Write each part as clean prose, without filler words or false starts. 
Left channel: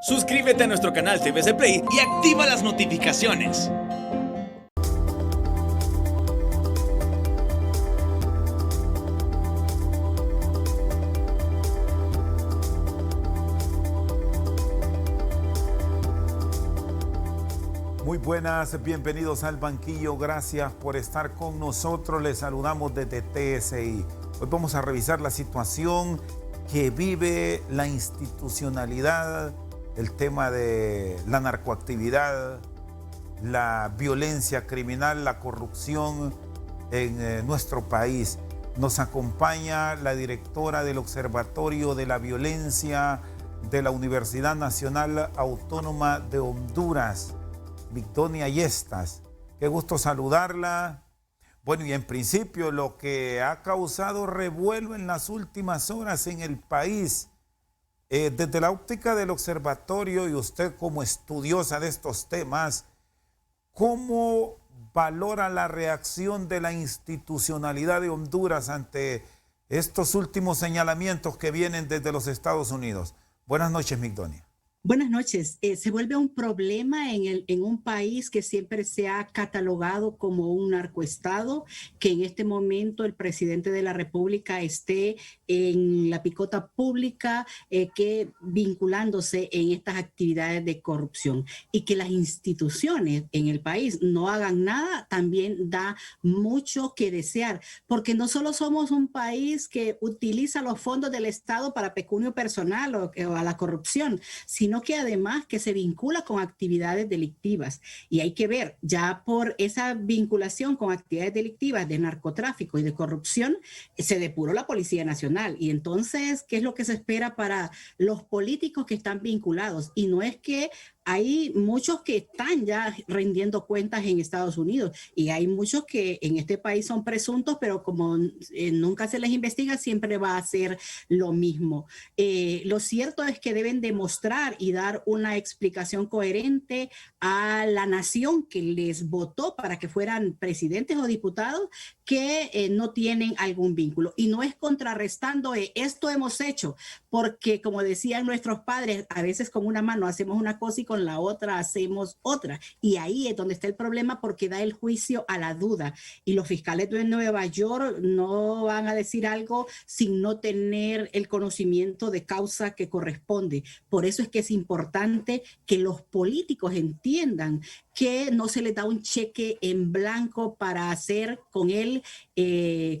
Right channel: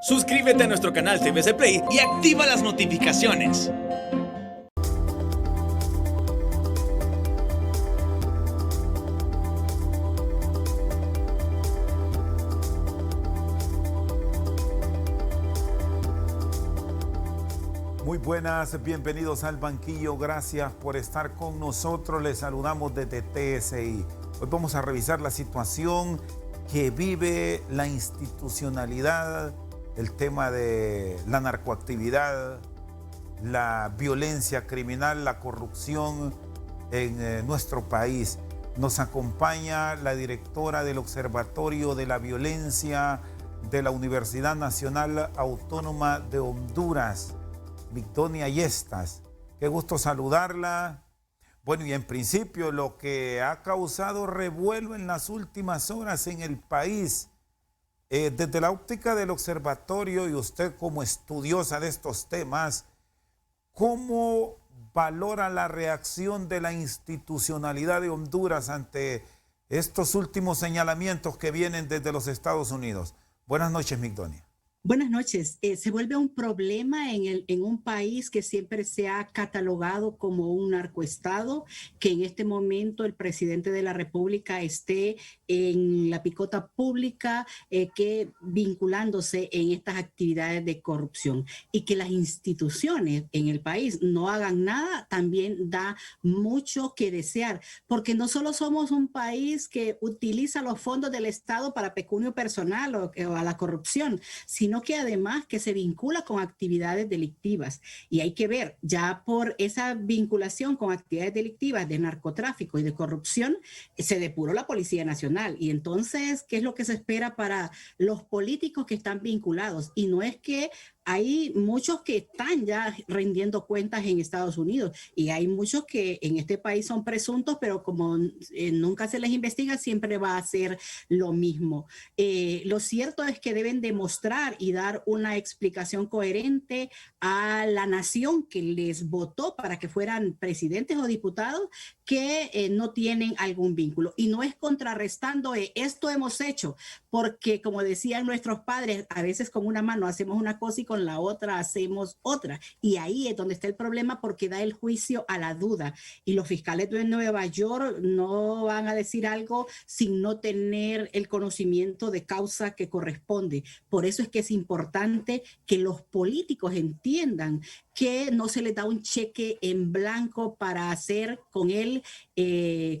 Suscríbete a nuestro canal TVC Play y activa las notificaciones. Muy buenas, bienvenidos al banquillo, gracias por estar con nosotros, les saludamos desde TSI. Hoy vamos a revisar la situación que vive la institucionalidad, el tema de la narcoactividad, la violencia criminal, la corrupción en nuestro país. Nos acompaña la directora del Observatorio de la Violencia de la Universidad Nacional Autónoma de Honduras, Migdonia Yestas. Qué gusto saludarla. Bueno, y en principio lo que ha causado revuelo en las últimas horas en el país, desde la óptica del observatorio y usted como estudiosa de estos temas, ¿cómo valora la reacción de la institucionalidad de Honduras ante estos últimos señalamientos que vienen desde los Estados Unidos? Buenas noches, Migdonia. Buenas noches. Se vuelve un problema en un país que siempre se ha catalogado como un narcoestado, que en este momento el presidente de la República esté en la picota pública, que vinculándose en estas actividades de corrupción, y que las instituciones en el país no hagan nada, también da mucho que desear, porque no solo somos un país que utiliza los fondos del Estado para pecunio personal o a la corrupción, sino que además que se vincula con actividades delictivas. Y hay que ver, ya por esa vinculación con actividades delictivas de narcotráfico y de corrupción, se depuró la Policía Nacional. Y entonces, ¿qué es lo que se espera para los políticos que están vinculados? Y no es que hay muchos que están ya rendiendo cuentas en Estados Unidos y hay muchos que en este país son presuntos, pero como nunca se les investiga, siempre va a ser lo mismo. Lo cierto es que deben demostrar y dar una explicación coherente a la nación que les votó para que fueran presidentes o diputados, que no tienen algún vínculo. Y no es contrarrestando esto hemos hecho, porque como decían nuestros padres, a veces con una mano hacemos una cosa y con la otra hacemos otra. Y ahí es donde está el problema, porque da el juicio a la duda. Y los fiscales de Nueva York no van a decir algo sin no tener el conocimiento de causa que corresponde. Por eso es que es importante que los políticos entiendan que no se les da un cheque en blanco para hacer con él,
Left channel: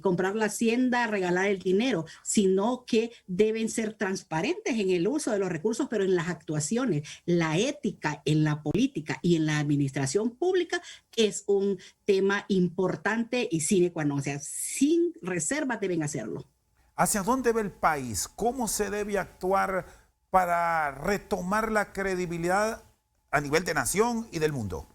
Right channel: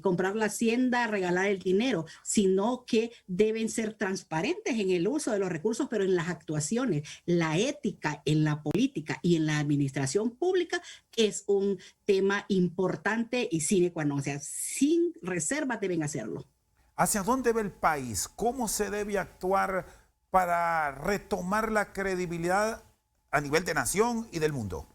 comprar la hacienda, regalar el dinero, sino que deben ser transparentes en el uso de los recursos, pero en las actuaciones. La ética en la política y en la administración pública es un tema importante y sine qua non, o sea, sin reservas deben hacerlo. ¿Hacia dónde va el país? ¿Cómo se debe actuar para retomar la credibilidad a nivel de nación y del mundo?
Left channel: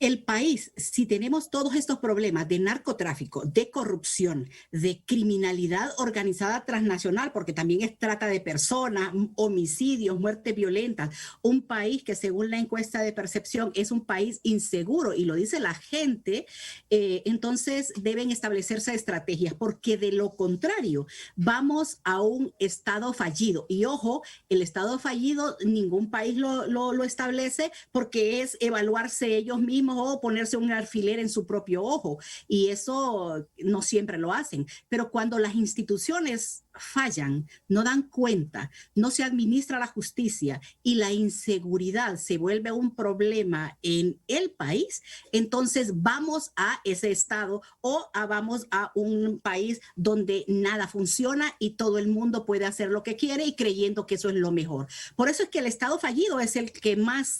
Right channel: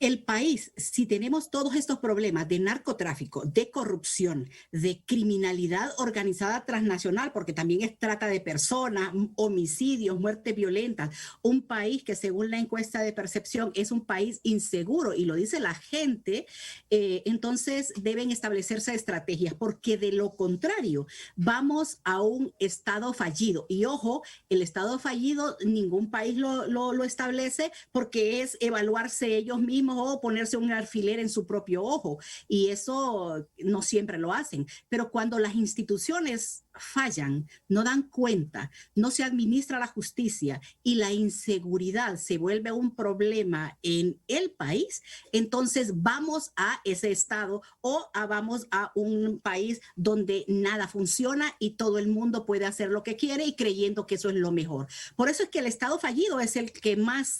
El país, si tenemos todos estos problemas de narcotráfico, de corrupción, de criminalidad organizada transnacional, porque también es trata de personas, homicidios, muertes violentas, un país que según la encuesta de percepción es un país inseguro, y lo dice la gente, entonces deben establecerse estrategias, porque de lo contrario vamos a un estado fallido. Y ojo, el estado fallido ningún país lo establece, porque es evaluarse ellos mismos o ponerse un alfiler en su propio ojo, y eso no siempre lo hacen. Pero cuando las instituciones fallan, no dan cuenta, no se administra la justicia y la inseguridad se vuelve un problema en el país, entonces vamos a ese estado o vamos a un país donde nada funciona y todo el mundo puede hacer lo que quiere y creyendo que eso es lo mejor. Por eso es que el estado fallido es el que más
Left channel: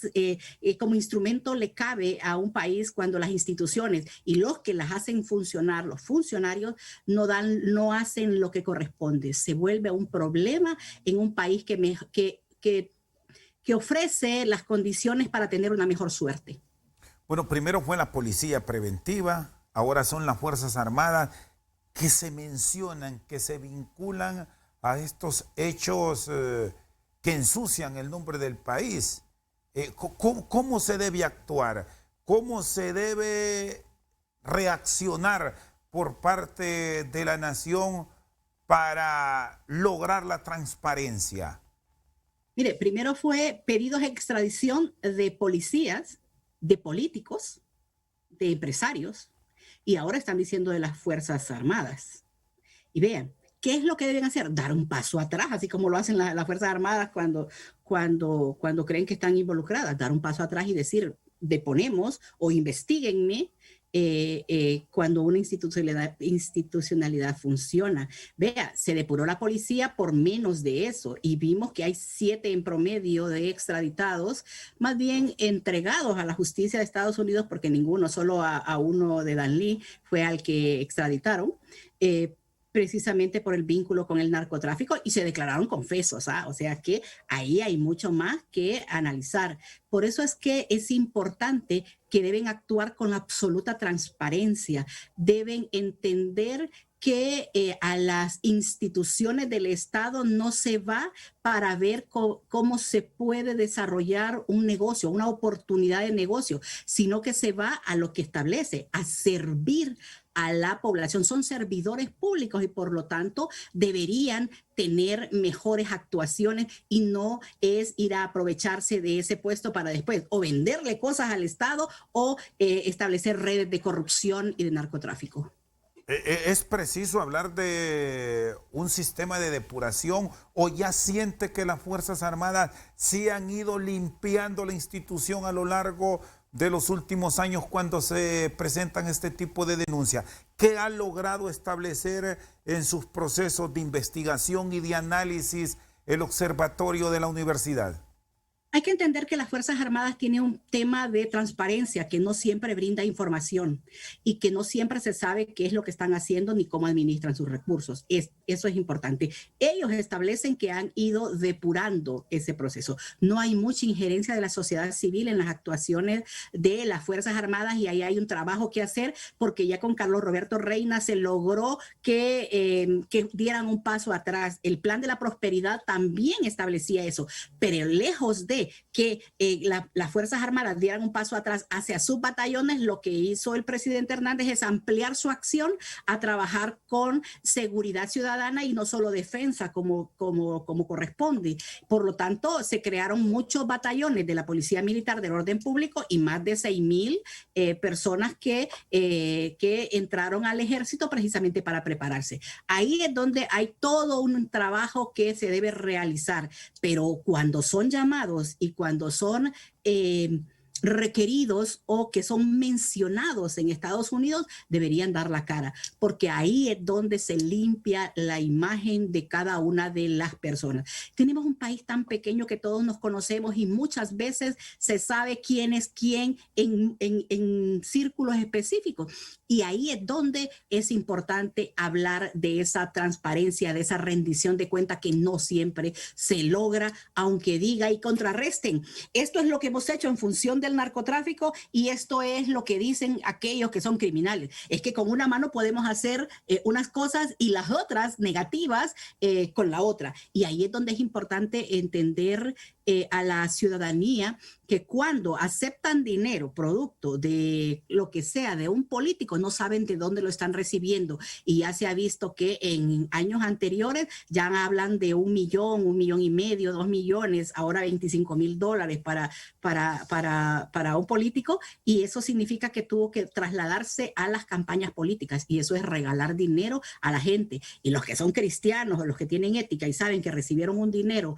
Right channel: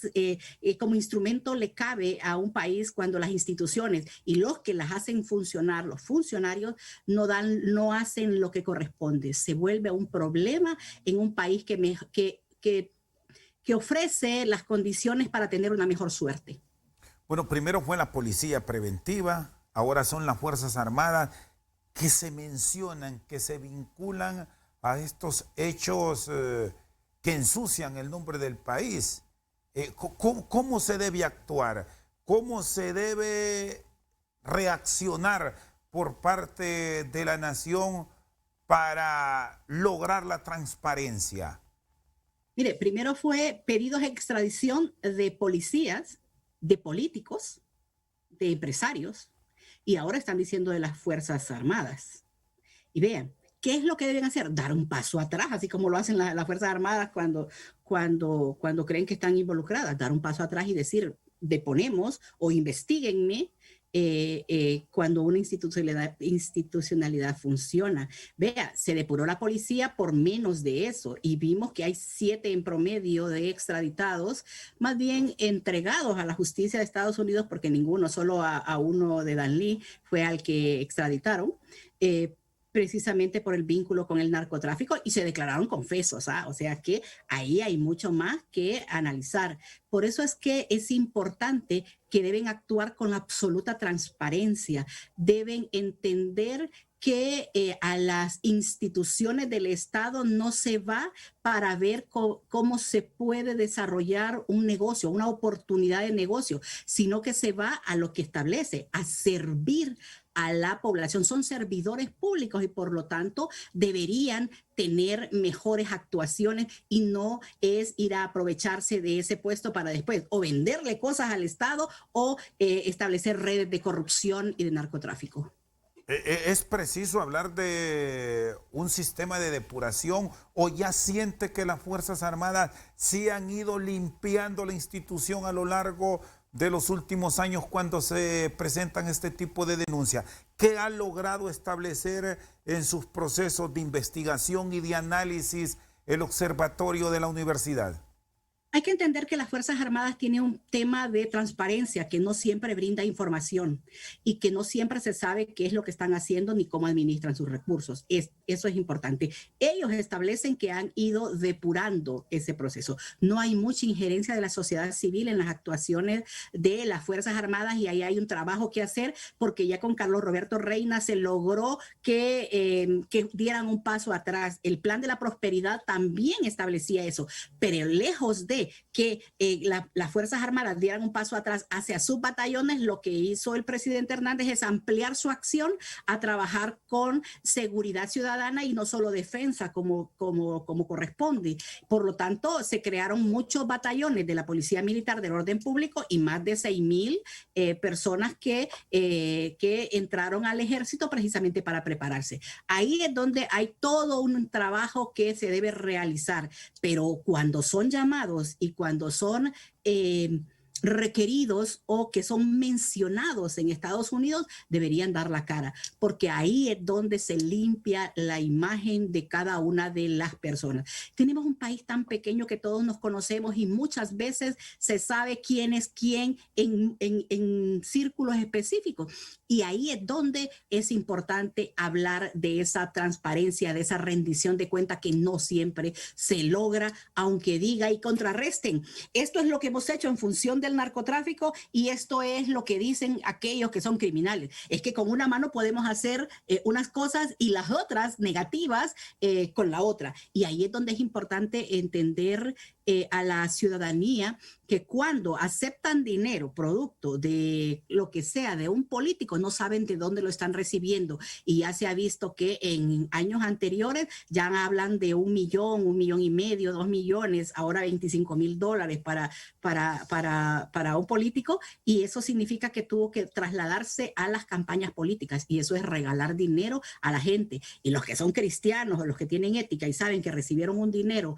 como instrumento le cabe a un país, cuando las instituciones y los que las hacen funcionar, los funcionarios, no hacen lo que corresponde. Se vuelve un problema en un país que ofrece las condiciones para tener una mejor suerte. Bueno, primero fue la policía preventiva, ahora son las Fuerzas Armadas que se mencionan, que se vinculan a estos hechos que ensucian el nombre del país. ¿Cómo se debe actuar? ¿Cómo se debe reaccionar por parte de la nación para lograr la transparencia? Mire, primero fue pedidos de extradición de policías, de políticos, de empresarios, y ahora están diciendo de las Fuerzas Armadas. Y vean, ¿qué es lo que deben hacer? Dar un paso atrás, así como lo hacen las Fuerzas Armadas cuando creen que están involucradas. Dar un paso atrás y decir, deponemos o investiguenme cuando una institucionalidad funciona. Vea, se depuró la policía por menos de eso y vimos que hay 7 en promedio de extraditados, más bien entregados a la justicia de Estados Unidos, porque ninguno, solo a uno de Danlí fue al que extraditaron. Precisamente por el vínculo con el narcotráfico y se declararon confesos, ¿ah? O sea que ahí hay mucho más que analizar. Por eso es que es importante que deben actuar con absoluta transparencia, deben entender que a las instituciones del Estado no se va para ver cómo se puede desarrollar un negocio, una oportunidad de negocio, sino que se va a lo que establece, a servir a la población. Son servidores públicos y por lo tanto deberían tener mejores actuaciones y no es ir a aprovecharse de ese puesto para después o venderle cosas al Estado o establecer redes de corrupción y de narcotráfico. ¿Es preciso hablar de un sistema de depuración o ya siente que las Fuerzas Armadas sí han ido limpiando la institución a lo largo de los últimos años cuando se presentan este tipo de denuncias? ¿Qué ha logrado establecer en sus procesos de investigación y de análisis el observatorio de la universidad? Hay que entender que las Fuerzas Armadas tienen un tema de transparencia que no siempre brinda información y que no siempre se sabe qué es lo que están haciendo ni cómo administran sus recursos. Eso es importante. Ellos establecen que han ido depurando ese proceso. No hay mucha injerencia de la sociedad civil en las actuaciones de las Fuerzas Armadas y ahí hay un trabajo que hacer porque ya con Carlos Roberto Reina se logró que dieran un paso atrás. El Plan de la Prosperidad también establecía eso, pero lejos de que las Fuerzas Armadas dieran un paso atrás hacia sus batallones, lo que hizo el presidente Hernández es ampliar su acción a trabajar con seguridad ciudadana y no solo defensa como corresponde. Por lo tanto, se crearon muchos batallones de la Policía Militar del Orden Público y más de 6,000 personas que entraron al ejército precisamente para prepararse. Ahí es donde hay todo un trabajo que se debe realizar, pero cuando son llamados y cuando son requeridos o que son mencionados en Estados Unidos, deberían dar la cara, porque ahí es donde se limpia la imagen de cada una de las personas. Tenemos un país tan pequeño que todos nos conocemos y muchas veces se sabe quién es quién en círculos específicos. Y ahí es donde es importante hablar de esa transparencia, de esa rendición de cuenta que no siempre se logra, aunque diga y contrarresten. Esto es lo que hemos hecho en función del narcotráfico y esto es lo que dicen aquellos que son criminales. Es que con una mano podemos hacer unas cosas y las otras negativas con la otra. Y ahí es donde es importante entender a la ciudadanía que cuando aceptan dinero producto de lo que sea de un político, no saben de dónde lo están recibiendo. Y ya se ha visto que en años anteriores ya hablan de 1 millón, 1,5 millones, 2 millones, ahora $25,000 para un político. Y eso significa que tuvo que trasladarse a las campañas políticas. Y eso es regalar dinero a la gente. Y los que son cristianos o los que tienen ética y saben que recibieron un dinero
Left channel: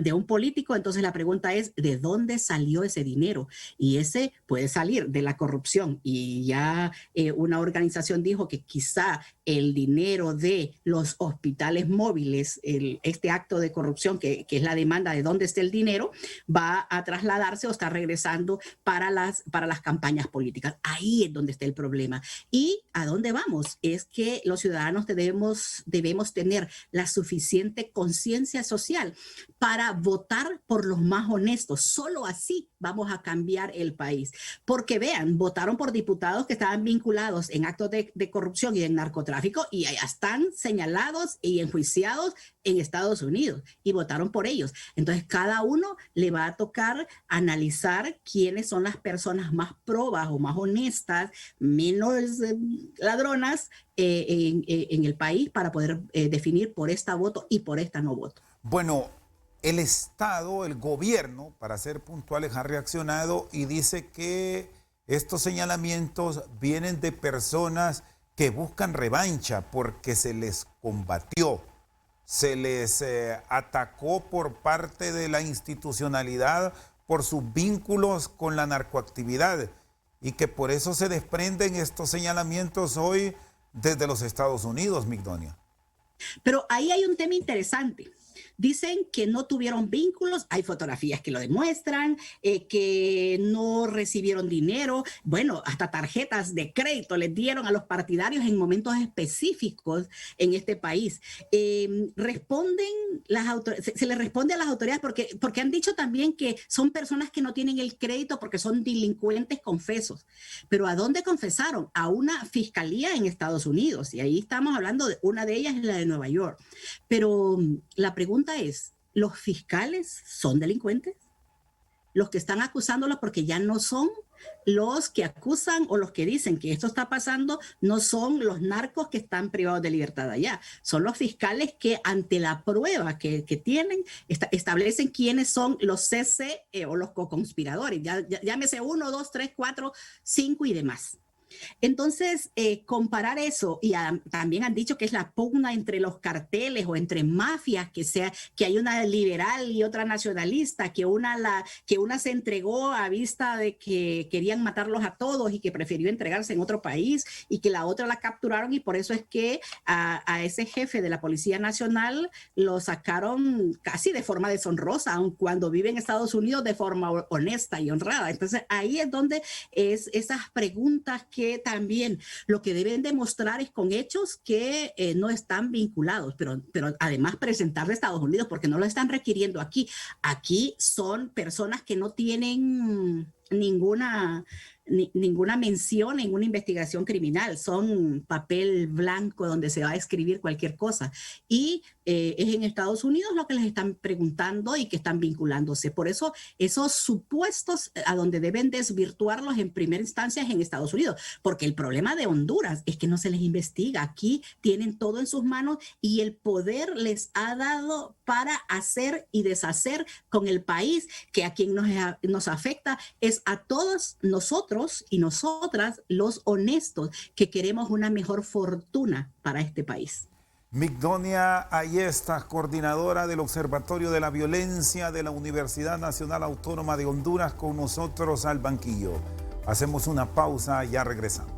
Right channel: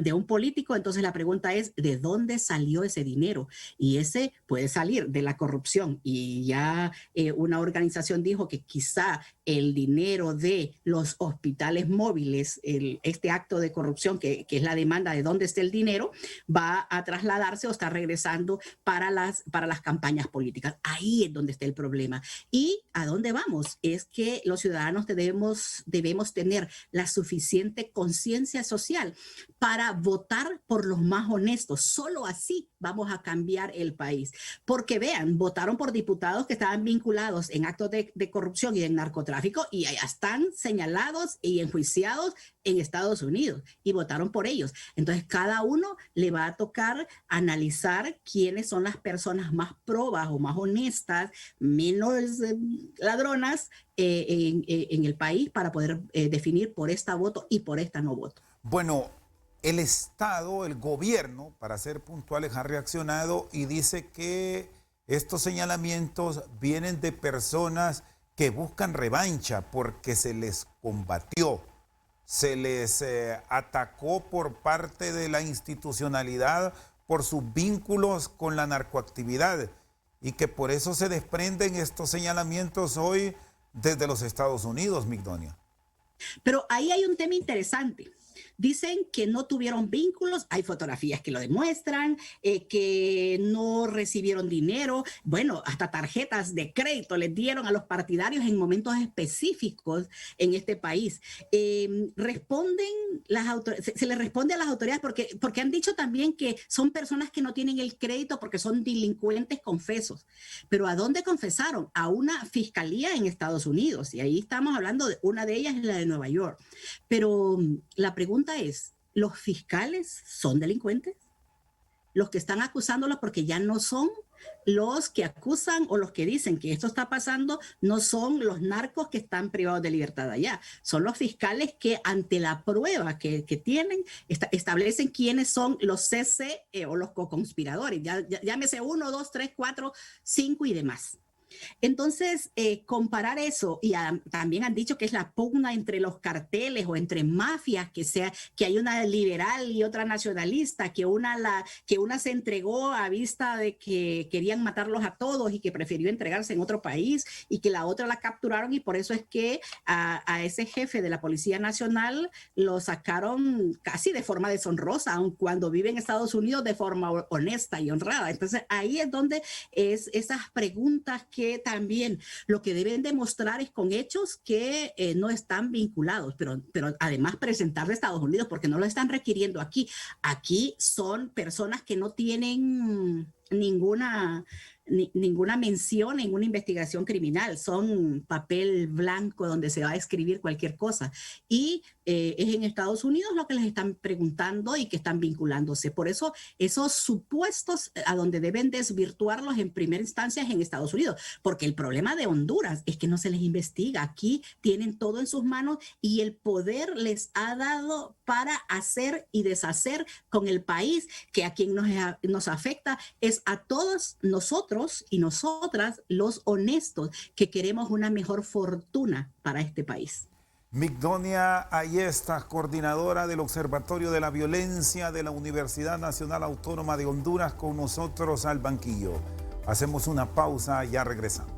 de un político, entonces la pregunta es, ¿de dónde salió ese dinero? Y ese puede salir de la corrupción. Y ya una organización dijo que quizá el dinero de los hospitales móviles, este acto de corrupción que es la demanda de dónde está el dinero, va a trasladarse o está regresando para las campañas políticas. Ahí es donde está el problema. ¿Y a dónde vamos? Es que los ciudadanos debemos tener la suficiente conciencia social para votar por los más honestos. Solo así vamos a cambiar el país. Porque vean, votaron por diputados que estaban vinculados en actos de corrupción y de narcotráfico y ya están señalados y enjuiciados en Estados Unidos y votaron por ellos. Entonces, cada uno le va a tocar analizar quiénes son las personas más probas o más honestas, menos ladronas en el país para poder definir por esta voto y por esta no voto. Bueno, el Estado, el gobierno, para ser puntuales, ha reaccionado y dice que estos señalamientos vienen de personas que buscan revancha porque se les combatió, se les atacó por parte de la institucionalidad por sus vínculos con la narcoactividad y que por eso se desprenden estos señalamientos hoy desde los Estados Unidos, Migdonia. Pero ahí hay un tema interesante. Dicen que no tuvieron vínculos, hay fotografías que lo demuestran, que no recibieron dinero, bueno, hasta tarjetas de crédito les dieron a los partidarios en momentos específicos en este país. Se les responde a las autoridades porque han dicho también que son personas que no tienen el crédito porque son delincuentes confesos. Pero ¿a dónde confesaron? A una fiscalía en Estados Unidos, y ahí estamos hablando de una de ellas, es la de Nueva York. Pero la pregunta es, ¿los fiscales son delincuentes? Los que están acusándolos, porque ya no son los que acusan o los que dicen que esto está pasando, no son los narcos que están privados de libertad allá, son los fiscales que ante la prueba que tienen, establecen quiénes son los CC o los co-conspiradores, llámese 1, 2, 3, 4, 5 y demás. Entonces, comparar eso, y también han dicho que es la pugna entre los carteles o entre mafias, que hay una liberal y otra nacionalista, que una se entregó a vista de que querían matarlos a todos y que prefirió entregarse en otro país, y que la otra la capturaron, y por eso es que a ese jefe de la Policía Nacional lo sacaron casi de forma deshonrosa, aun cuando vive en Estados Unidos de forma honesta y honrada. Entonces, ahí es donde es esas preguntas que también lo que deben demostrar es con hechos que no están vinculados, pero además presentar de Estados Unidos, porque no lo están requiriendo aquí. Aquí son personas que no tienen ninguna mención en una investigación criminal, son papel blanco donde se va a escribir cualquier cosa, y es en Estados Unidos lo que les están preguntando y que están vinculándose. Por eso esos supuestos a donde deben desvirtuarlos en primera instancia es en Estados Unidos, porque el problema de Honduras es que no se les investiga. Aquí tienen todo en sus manos y el poder les ha dado para hacer y deshacer con el país, que a quien nos afecta es a todos nosotros y nosotras, los honestos, que queremos una mejor fortuna para este país. Migdonia Ayestas, coordinadora del Observatorio de la Violencia de la Universidad Nacional Autónoma de Honduras, con nosotros al banquillo. Hacemos una pausa y ya regresamos.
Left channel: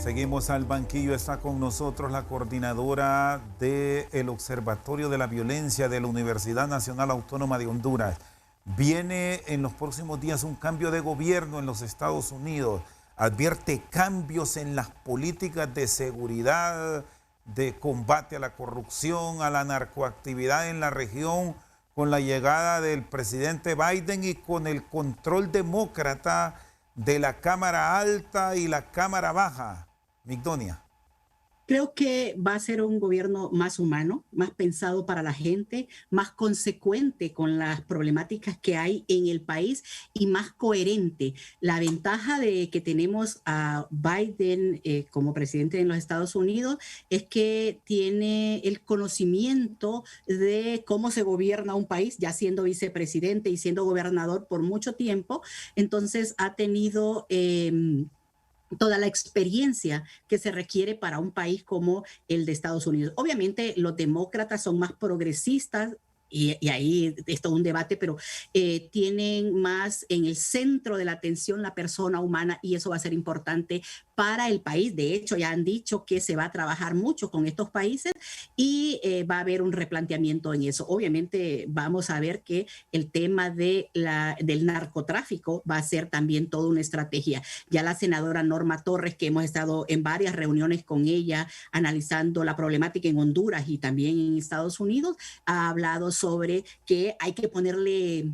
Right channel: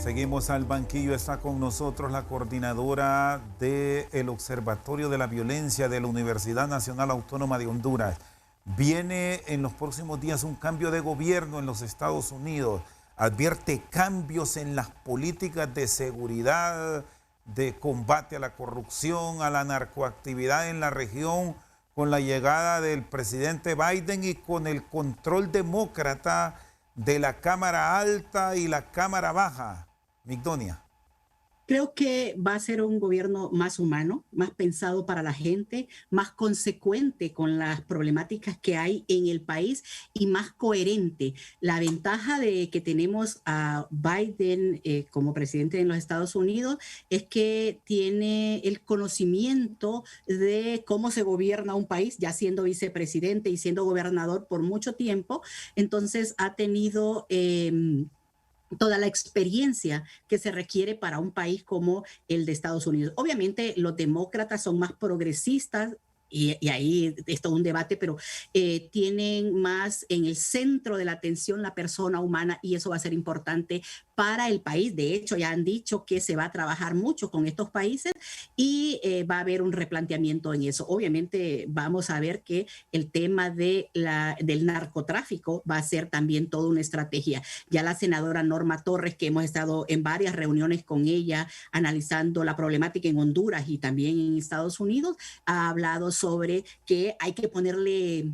Seguimos al banquillo, está con nosotros la coordinadora del Observatorio de la Violencia de la Universidad Nacional Autónoma de Honduras. Viene en los próximos días un cambio de gobierno en los Estados Unidos. Advierte cambios en las políticas de seguridad, de combate a la corrupción, a la narcoactividad en la región, con la llegada del presidente Biden y con el control demócrata de la Cámara Alta y la Cámara Baja. Migdonia. Creo que va a ser un gobierno más humano, más pensado para la gente, más consecuente con las problemáticas que hay en el país y más coherente. La ventaja de que tenemos a Biden como presidente en los Estados Unidos es que tiene el conocimiento de cómo se gobierna un país, ya siendo vicepresidente y siendo gobernador por mucho tiempo. Entonces ha tenido toda la experiencia que se requiere para un país como el de Estados Unidos. Obviamente los demócratas son más progresistas, y ahí es todo un debate, pero tienen más en el centro de la atención la persona humana, y eso va a ser importante para el país. De hecho, ya han dicho que se va a trabajar mucho con estos países y va a haber un replanteamiento en eso. Obviamente vamos a ver que el tema del narcotráfico va a ser también toda una estrategia. Ya la senadora Norma Torres, que hemos estado en varias reuniones con ella analizando la problemática en Honduras y también en Estados Unidos, ha hablado sobre que hay que ponerle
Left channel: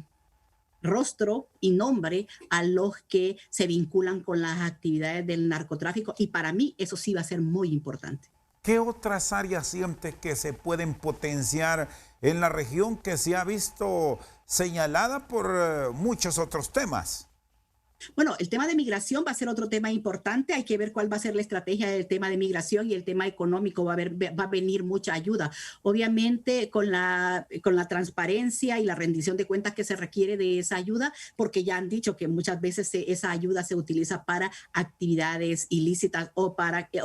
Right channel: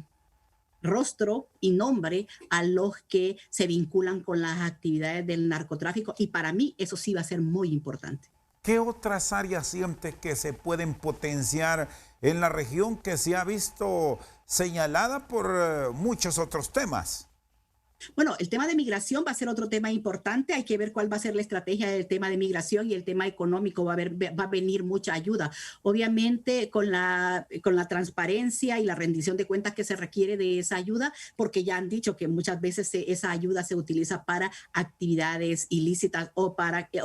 rostro y nombre a los que se vinculan con las actividades del narcotráfico, y para mí eso sí va a ser muy importante. ¿Qué otras áreas sientes que se pueden potenciar en la región que se ha visto señalada por muchos otros temas? Bueno, el tema de migración va a ser otro tema importante. Hay que ver cuál va a ser la estrategia del tema de migración y el tema económico. Va a venir mucha ayuda. Obviamente, con la transparencia y la rendición de cuentas que se requiere de esa ayuda, porque ya han dicho que muchas veces esa ayuda se utiliza para actividades ilícitas o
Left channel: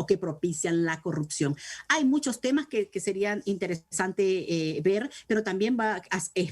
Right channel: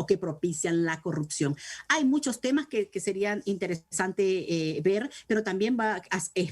que propician la corrupción. Hay muchos temas que serían interesantes ver, pero también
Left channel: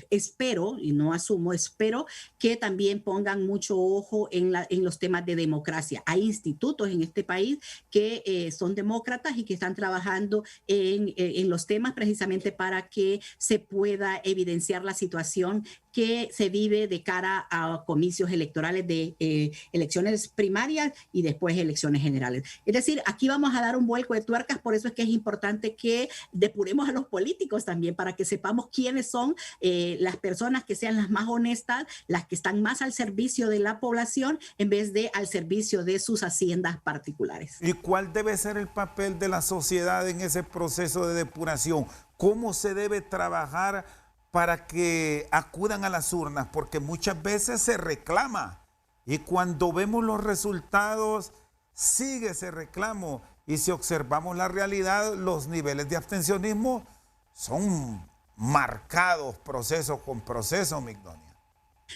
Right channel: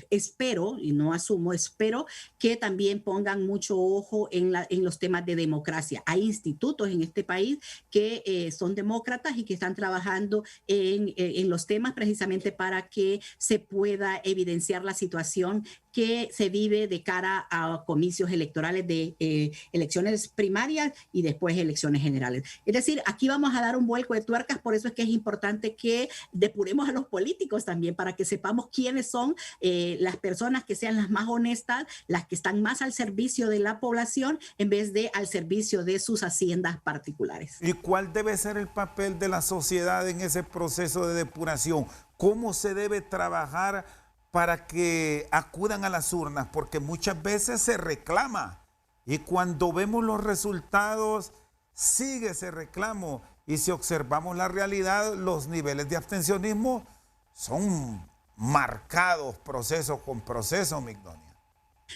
espero, y no asumo, espero que también pongan mucho ojo en los temas de democracia. Hay institutos en este país que son demócratas y que están trabajando en los temas precisamente para que se pueda evidenciar la situación que se vive de cara a comicios electorales de elecciones primarias y después elecciones generales. Es decir, aquí vamos a dar un vuelco de tuercas, por eso es que es importante que depuremos a los políticos también, para que sepamos quiénes son las personas que sean las más honestas, las que están más al servicio de la población en vez de al servicio de sus haciendas particulares. ¿Y cuál debe ser el papel de la sociedad en ese proceso de depuración? ¿Cómo se debe trabajar para que acudan a las urnas? Porque muchas veces se reclama y cuando vemos los resultados sigue ese reclamo, y si observamos la realidad, los niveles de abstencionismo son marcados proceso con proceso, Migdonia.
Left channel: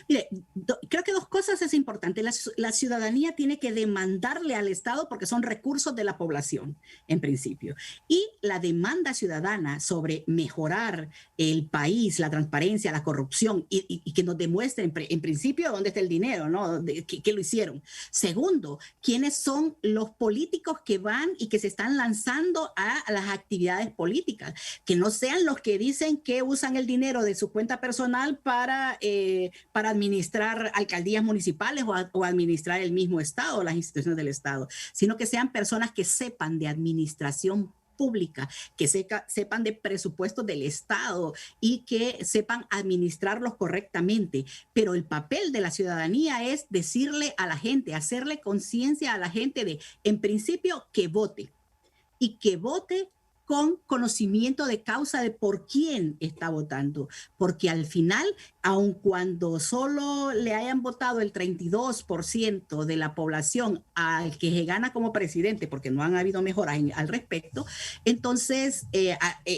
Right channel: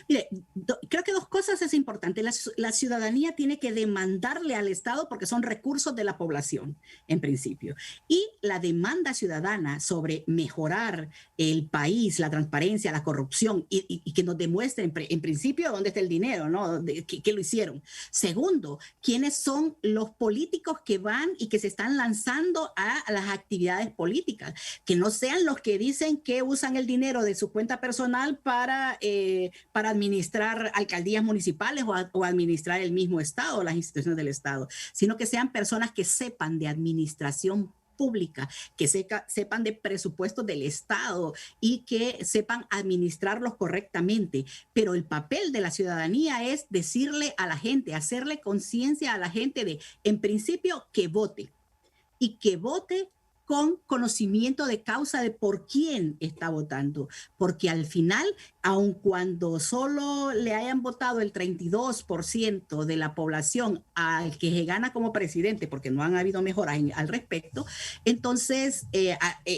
Mire, creo que dos cosas es importante. La ciudadanía tiene que demandarle al Estado porque son recursos de la población, en principio. Y la demanda ciudadana sobre mejorar el país, la transparencia, la corrupción y que nos demuestren, en principio, dónde está el dinero, ¿no? ¿Qué lo hicieron? Segundo, quiénes son los políticos que van y que se están lanzando a las actividades políticas. Que no sean los que dicen que usan el dinero de su cuenta personal para administrar alcaldías municipales o administrar el mismo Estado, las instituciones del Estado, sino que sean personas que sepan de administración pública, que sepan de presupuestos del Estado y que sepan administrarlos correctamente. Pero el papel de la ciudadanía es decirle a la gente, hacerle conciencia a la gente de, en principio, que vote y que vote con conocimiento de causa de por quién está votando, porque al final, aun cuando solo le hayan votado el 32% de la población al que se gana como presidente, porque no han habido mejoras al respecto, entonces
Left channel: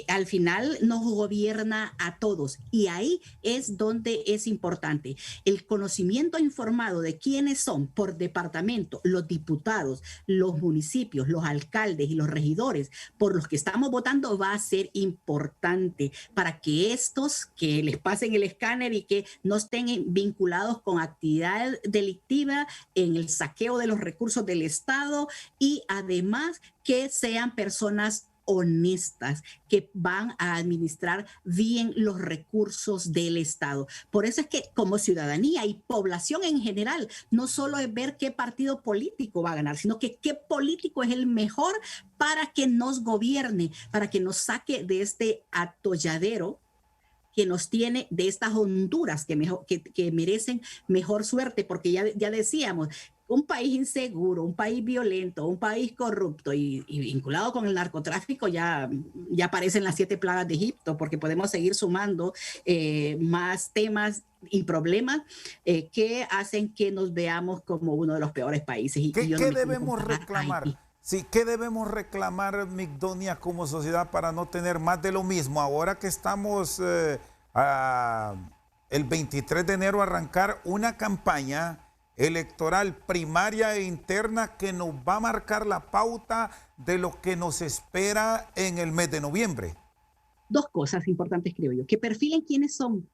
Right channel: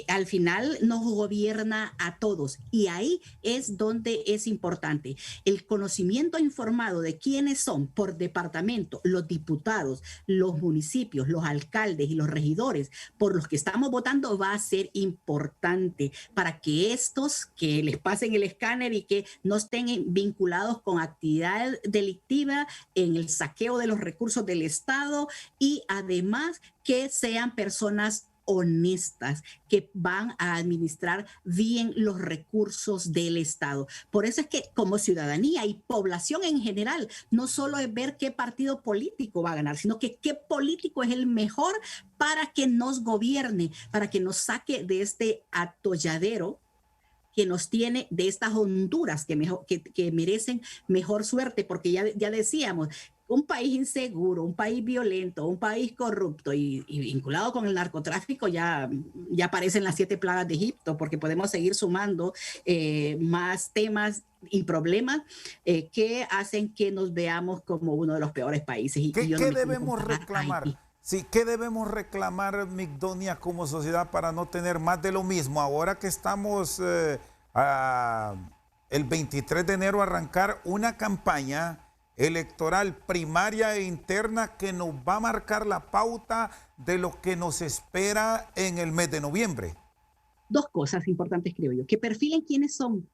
al final nos gobierna a todos, y ahí es donde es importante el conocimiento informado de quiénes son por departamento los diputados, los municipios, los alcaldes y los regidores por los que estamos votando. Va a ser importante para que estos que les pasen el escáner y que no estén vinculados con actividad delictiva en el saqueo de los recursos del Estado, y además que sean personas honestas, que van a administrar bien los recursos del Estado. Por eso es que como ciudadanía y población en general, no solo es ver qué partido político va a ganar, sino que qué político es el mejor para que nos gobierne, para que nos saque de este atolladero que nos tiene, de estas Honduras que merecen mejor suerte, porque ya decíamos, un país inseguro, un país violento, un país corrupto y vinculado con el narcotráfico, ya aparecen las 7 plagas de Egipto, porque podemos seguir sumando más temas y problemas que hacen que nos veamos como uno de los peores países. ¿Qué debemos reclamar? Sí, ¿qué debemos reclamar, Migdonia, como sociedad para no tener más de lo mismo? Ahora que estamos el 23 de enero a arrancar una campaña electoral primaria e interna que nos va a marcar la pauta de lo que nos espera en el mes de noviembre. Dos cosas importantes, creo yo: que perfilen quiénes son.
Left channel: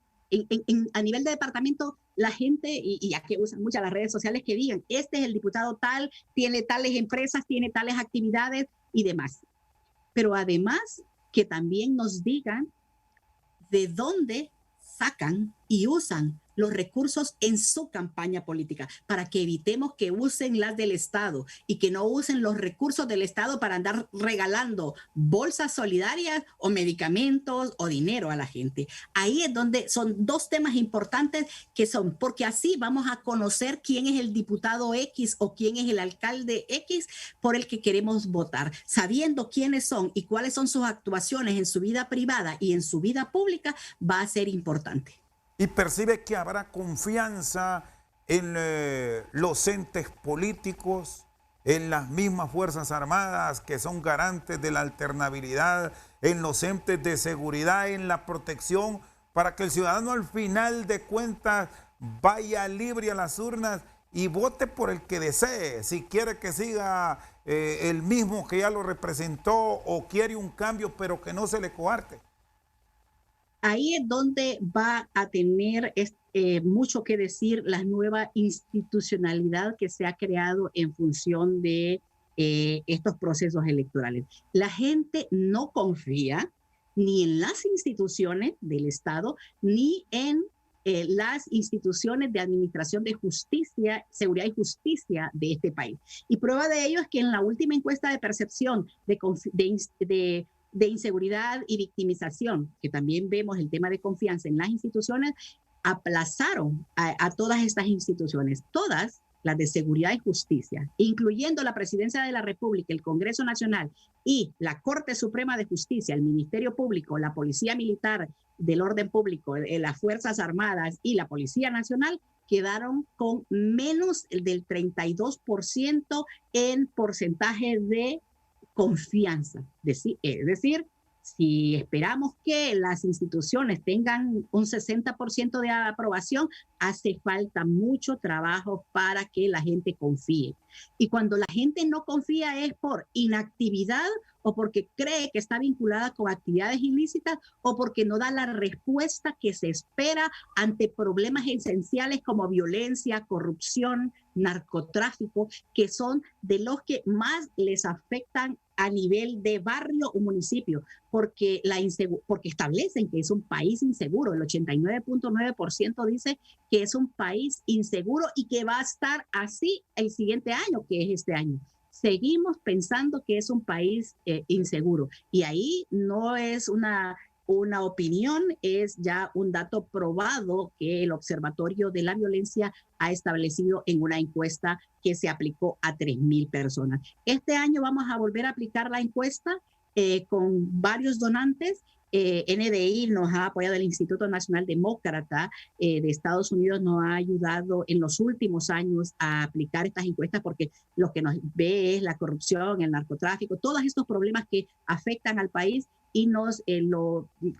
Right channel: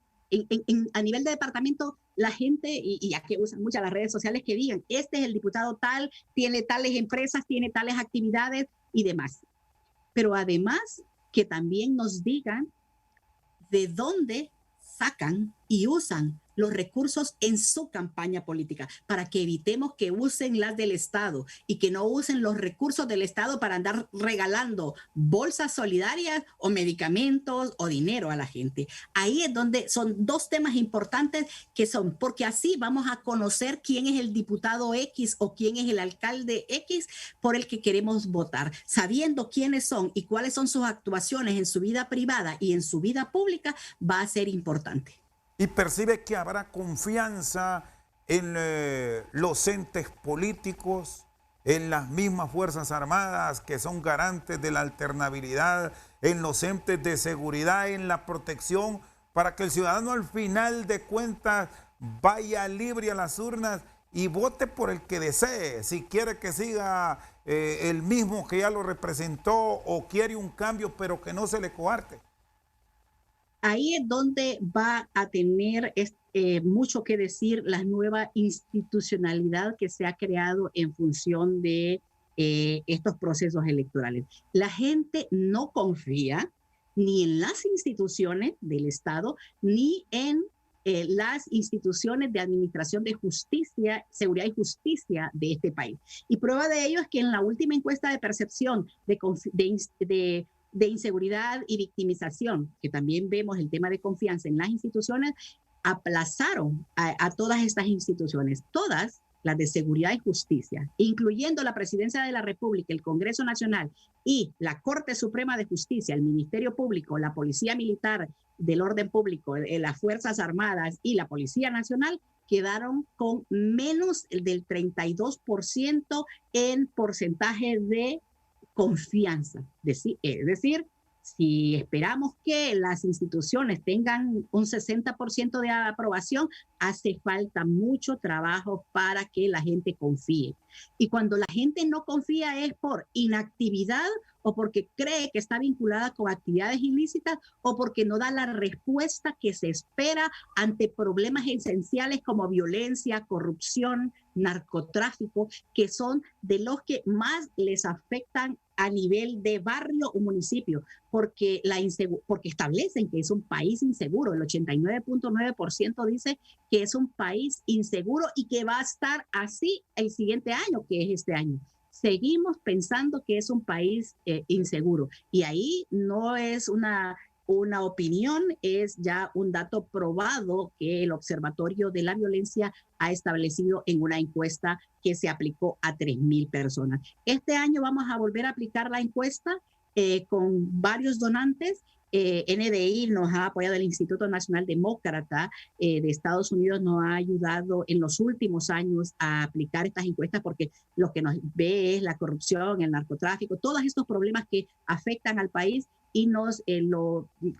A nivel de departamento, la gente, y ya que usan muchas las redes sociales, que digan, este es el diputado tal, tiene tales empresas, tiene tales actividades y demás. Pero además, que también nos digan de dónde sacan y usan los recursos en su campaña política, para que evitemos que usen las del Estado y que no usen los recursos del Estado para andar regalando bolsas solidarias o medicamentos o dinero a la gente. Ahí es donde son dos temas importantes, que son, porque así vamos a conocer quién es el diputado X o quién es el alcalde X por el que queremos votar. Sabiendo quiénes son y cuáles son sus actuaciones en su vida privada y en su vida pública, va a ser importante. Y percibe que habrá confianza en los entes políticos, en las mismas Fuerzas Armadas que son garantes de la alternabilidad, en los entes de seguridad, en la protección, para que el ciudadano al final de cuentas vaya libre a las urnas y vote por el que desee, si quiere que siga el mismo que ya lo representó o quiere un cambio, pero que no se le coarte. Ahí es donde va a tener mucho que decir la nueva institucionalidad que se ha creado en función de estos procesos electorales. La gente no confía ni en las instituciones del Estado, ni en las instituciones de administración de justicia, seguridad y justicia de este país. Y prueba de ello es que en la última encuesta de percepción de inseguridad y victimización, que también vemos el tema de confianza en las instituciones, aplazaron a todas estas instituciones, todas las de seguridad y justicia, incluyendo la Presidencia de la República, el Congreso Nacional y la Corte Suprema de Justicia, el Ministerio Público, la Policía Militar del Orden Público, las Fuerzas Armadas y la Policía Nacional, quedaron con menos del 32% en porcentaje de confianza. Es decir, si esperamos que las instituciones tengan un 60% de aprobación, hace falta mucho trabajo para que la gente confíe. Y cuando la gente no confía es por inactividad o porque cree que está vinculada con actividades ilícitas o porque no da la respuesta que se espera ante problemas esenciales como violencia, corrupción, narcotráfico, que son de los que más les afectan a nivel de barrio o municipio, porque establecen que es un país inseguro. El 89.9% dice que es un país inseguro y que va a estar así el siguiente año, que es este año. Seguimos pensando que es un país inseguro. Y ahí no es una opinión, es ya un dato probado que el Observatorio de la Violencia ha establecido en una encuesta que se aplicó a 3,000 personas. Este año vamos a volver a aplicar la encuesta con varios donantes. NDI nos ha apoyado, el Instituto Nacional Demócrata de Estados Unidos nos ha ayudado en los últimos años a aplicar estas encuestas porque lo que nos ve es la corrupción, el narcotráfico, todos estos problemas que afectan al país y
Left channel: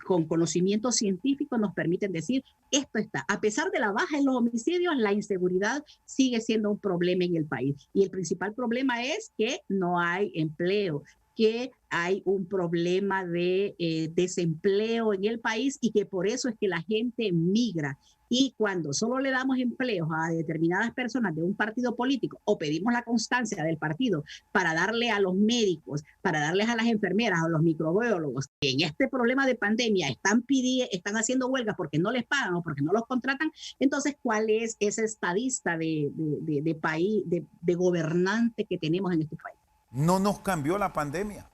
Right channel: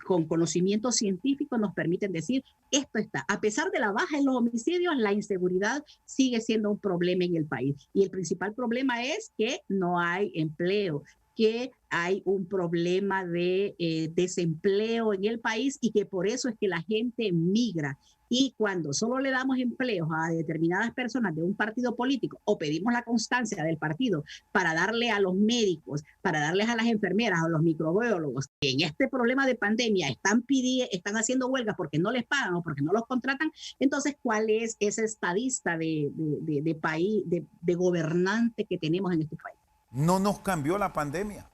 con conocimiento científico nos permiten decir esto está. A pesar de la baja en los homicidios, la inseguridad sigue siendo un problema en el país. Y el principal problema es que no hay empleo, que hay un problema de desempleo en el país y que por eso es que la gente migra. Y cuando solo le damos empleos a determinadas personas de un partido político o pedimos la constancia del partido para darle a los médicos, para darles a las enfermeras o los microbiólogos que en este problema de pandemia están haciendo huelgas porque no les pagan o porque no los contratan, entonces ¿cuál es ese estadista de país, de gobernante que tenemos en este país? No nos cambió la pandemia.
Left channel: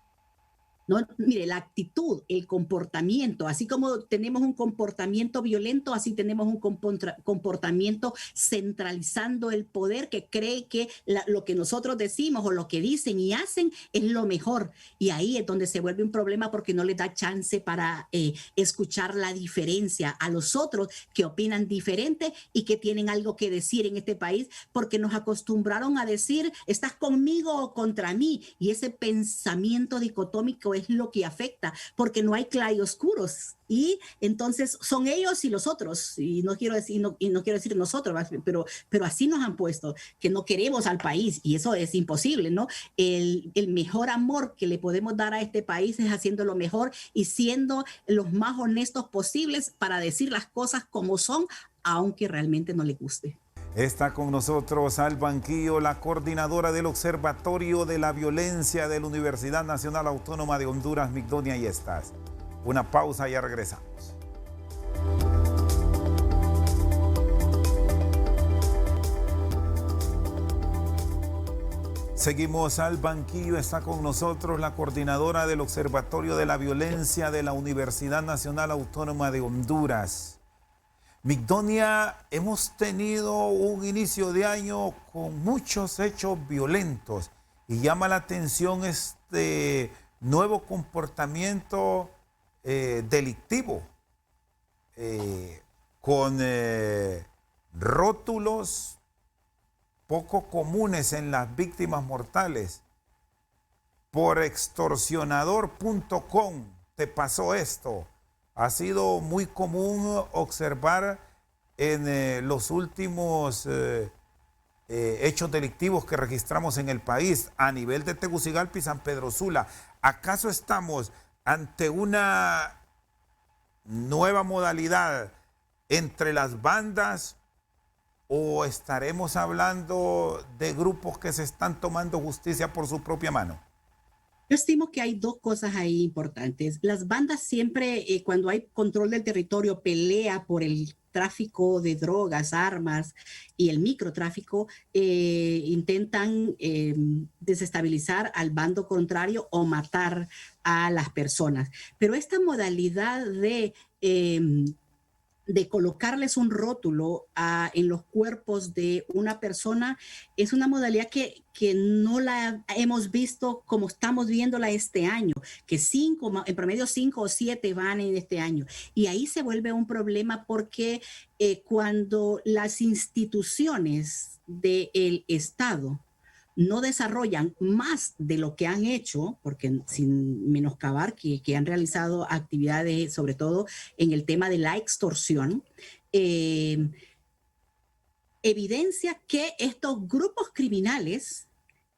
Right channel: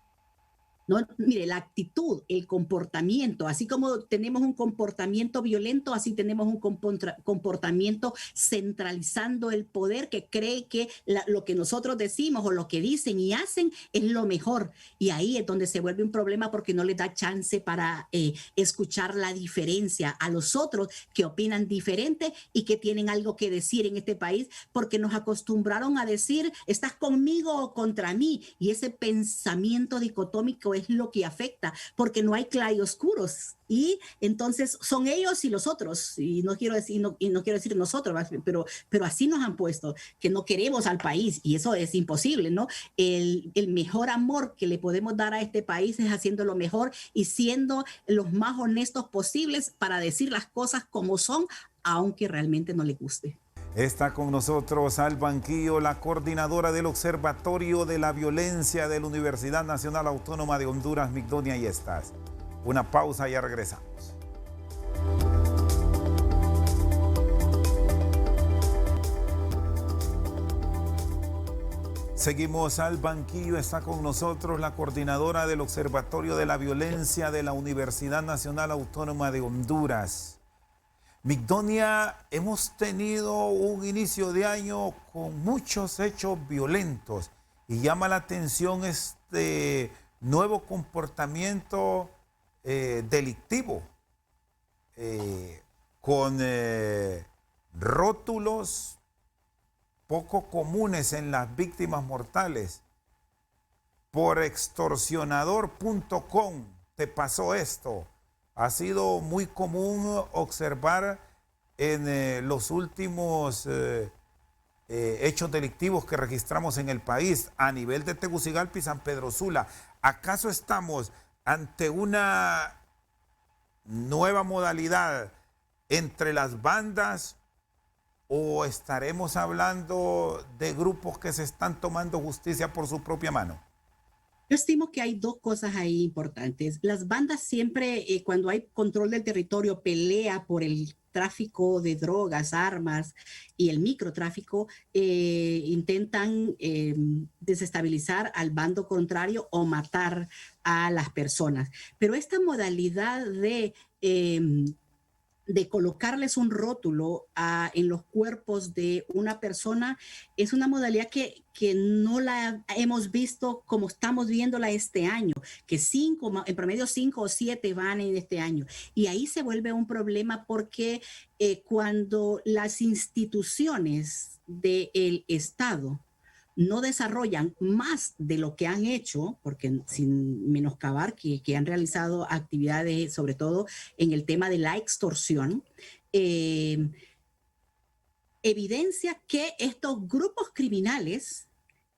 No, mire, la actitud, el comportamiento, así como tenemos un comportamiento violento, así tenemos un comportamiento centralizando el poder que cree que lo que nosotros decimos o lo que dicen y hacen es lo mejor. Y ahí es donde se vuelve un problema porque no les da chance para escuchar la diferencia a los otros que opinan diferente y que tienen algo que decir en este país, porque nos acostumbraron a decir, ¿estás conmigo o contra mí? Y ese pensamiento dicotómico es lo que afecta, porque no hay claroscuros y entonces son ellos y los otros, y no quiero decir nosotros, pero así nos han puesto, que no queremos al país y eso es imposible, ¿no? El mejor amor que le podemos dar a este país es haciendo lo mejor y siendo los más honestos posibles para decir las cosas como son, aunque realmente no le guste. Está con nosotros al banquillo la coordinadora del Observatorio de la Violencia de la Universidad Nacional Autónoma de Honduras, Migdonia Yestas. Una pausa y ya regresamos. Seguimos al banquillo, está con nosotros la coordinadora del Observatorio de la Violencia de la Universidad Nacional Autónoma de Honduras. Migdonia, hemos tenido un inicio de año con muchos hechos violentos y llama la atención este nuevo comportamiento delictivo con rótulos poco comunes en las víctimas mortales. Por extorsionador.com te pasó esto. Ha sido muy común observar en los últimos hechos delictivos que registramos en el país a nivel de Tegucigalpa y San Pedro Sula. ¿Acaso estamos ante una nueva modalidad entre las bandas o estaremos hablando de grupos que se están tomando justicia por su propia mano? Yo estimo que hay dos cosas ahí importantes. Las bandas siempre, cuando hay control del territorio, pelea por el tráfico de drogas, armas y el microtráfico, intentan desestabilizar al bando contrario o matar a las personas. Pero esta modalidad de colocarles un rótulo en los cuerpos de una persona es una modalidad que no la hemos visto como estamos viéndola este año, que en promedio 5 o 7 van en este año. Y ahí se vuelve un problema porque cuando las instituciones del Estado no desarrollan más de lo que han hecho, porque sin menoscabar que han realizado actividades, sobre todo en el tema de la extorsión, evidencia que estos grupos criminales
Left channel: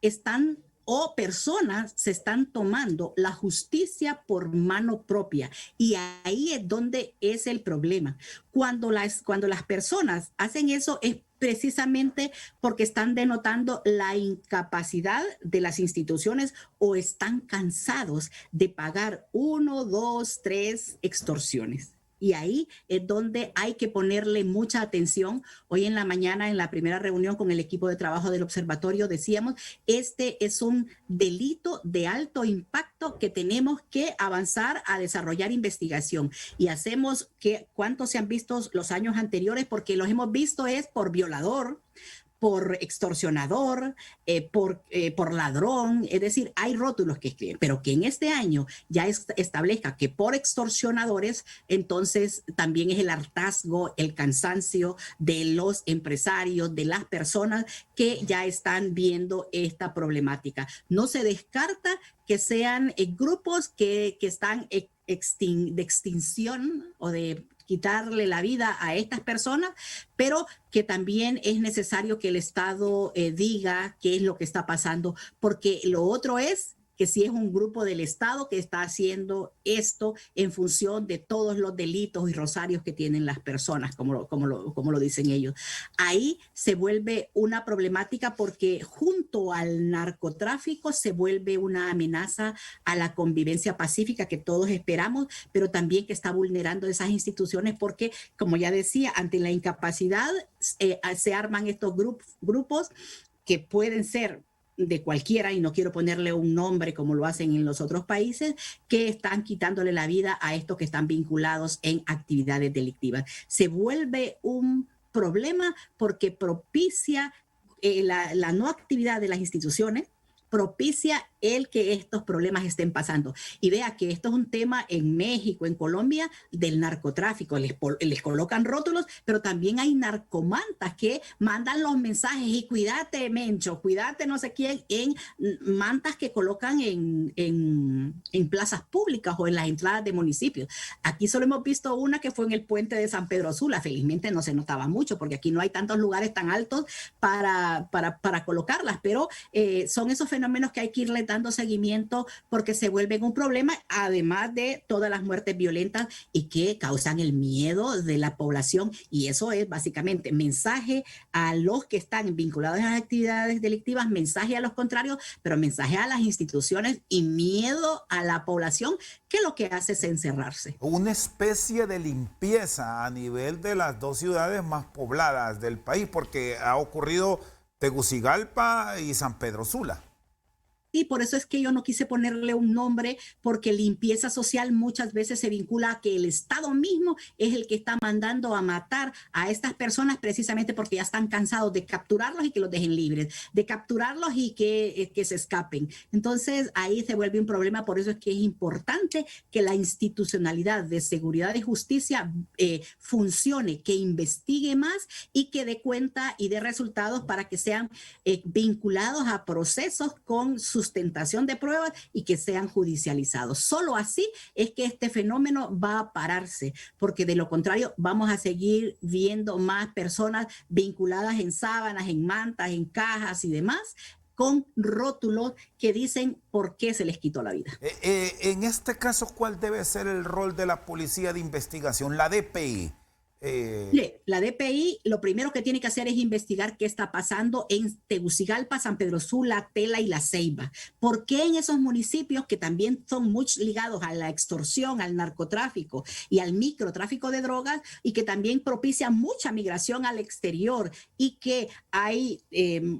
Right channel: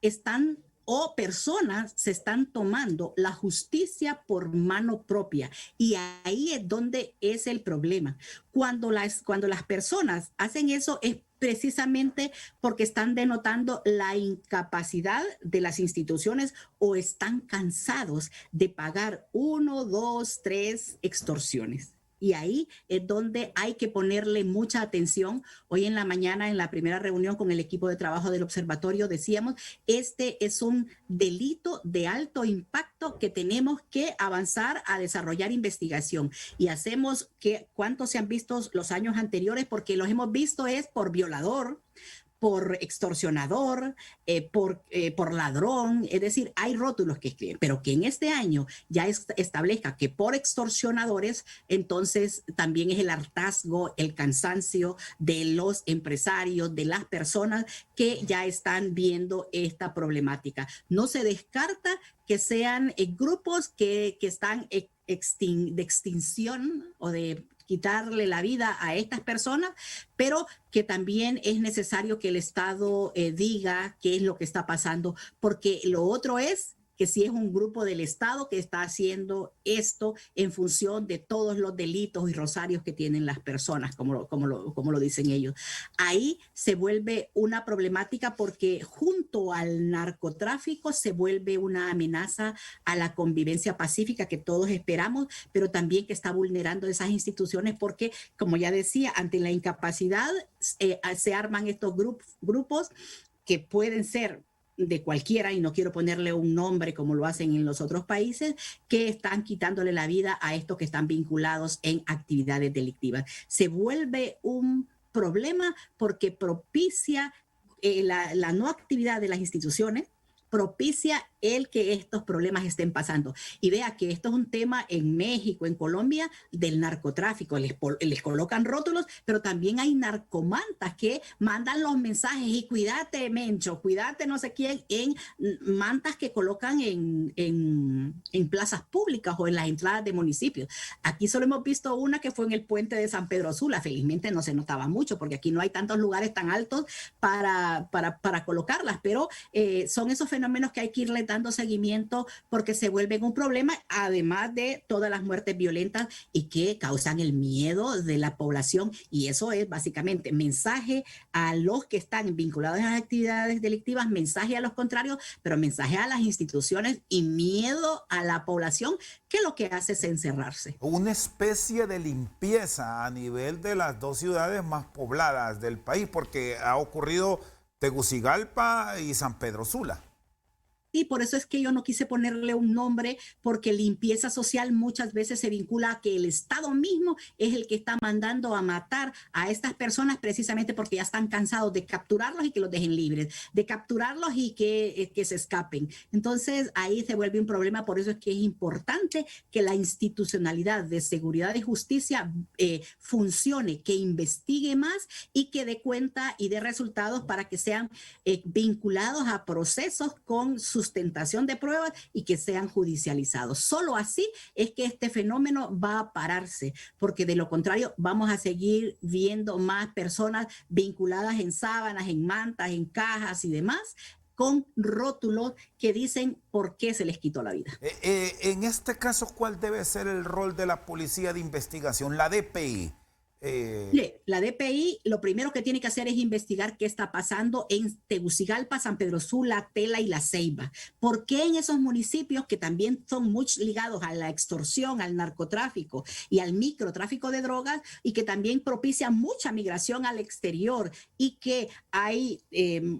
están o personas se están tomando la justicia por mano propia. Y ahí es donde es el problema. Cuando las personas hacen eso es precisamente porque están denotando la incapacidad de las instituciones o están cansados de pagar 1, 2, 3 extorsiones. Y ahí es donde hay que ponerle mucha atención. Hoy en la mañana, en la primera reunión con el equipo de trabajo del observatorio, decíamos, este es un delito de alto impacto que tenemos que avanzar a desarrollar investigación. Y hacemos cuántos se han visto los años anteriores, porque los hemos visto es por violador, por extorsionador, por ladrón, es decir, hay rótulos que escriben, pero que en este año ya establezca que por extorsionadores, entonces también es el hartazgo, el cansancio de los empresarios, de las personas que ya están viendo esta problemática. No se descarta que sean grupos que están de extinción o de quitarle la vida a estas personas, pero que también es necesario que el Estado diga qué es lo que está pasando, porque lo otro es que si es un grupo del Estado que está haciendo esto en función de todos los delitos y rosarios que tienen las personas, como lo dicen ellos. Ahí se vuelve una problemática porque junto al narcotráfico se vuelve una amenaza a la convivencia pacífica que todos esperamos, pero también que está vulnerando esas instituciones porque, como ya decía, ante la incapacidad se arman estos grupos que pueden ser de cualquiera, y no quiero ponerle un nombre como lo hacen en los otros países, que están quitándole la vida a estos que están vinculados en actividades delictivas. Se vuelve un problema porque propicia la no actividad de las instituciones, propicia el que estos problemas estén pasando. Y vea que esto es un tema en México, en Colombia, del narcotráfico. Les colocan rótulos, pero también hay narcomantas que mandan los mensajes y cuídate, Mencho, cuídate no sé quién, en mantas que colocan en plazas públicas o en las entradas de municipios. Aquí solo hemos visto una que fue en el puente de San Pedro Sula. Felizmente no se notaba mucho porque aquí no hay tantos lugares tan altos para colocarlas, pero son esos fenómenos que hay que irle dando seguimiento porque se vuelven un problema, además de todas las muertes violentas y que causan el miedo de la población. Y eso es básicamente mensaje a los que están vinculados a las actividades delictivas, mensaje a los contrarios, pero mensaje a las instituciones y miedo a la población, que lo que hace es encerrarse. Una especie de limpieza a nivel de las dos ciudades más pobladas del país, porque ha ocurrido Tegucigalpa y San Pedro Sula. Y por eso es que yo no quise ponerle un nombre, porque limpieza social muchas veces se vincula a que el Estado mismo es el que está mandando a matar a estas personas precisamente porque ya están cansados de capturarlos y que los dejen libres, de capturarlos y que se escapen. Entonces ahí se vuelve un problema, por eso es que es importante que la institucionalidad de seguridad y justicia funcione, que investigue más y que dé cuenta y dé resultados para que sean vinculados a procesos con sustentación de pruebas y que sean judicializados. Solo así es que este fenómeno va a pararse, porque de lo contrario vamos a seguir viendo más personas vinculadas en sábanas, en mantas, en cajas y demás, con rótulos que dicen por qué se les quitó la vida. En este caso, ¿cuál debe ser el rol de la policía de investigación, la DPI? La DPI lo primero que tiene que hacer es investigar qué está pasando en Tegucigalpa, San Pedro Sula, Tela y La Ceiba. ¿Por qué en esos municipios que también son muy ligados a la extorsión, al narcotráfico y al microtráfico de drogas y que también propician mucha migración al exterior y que hay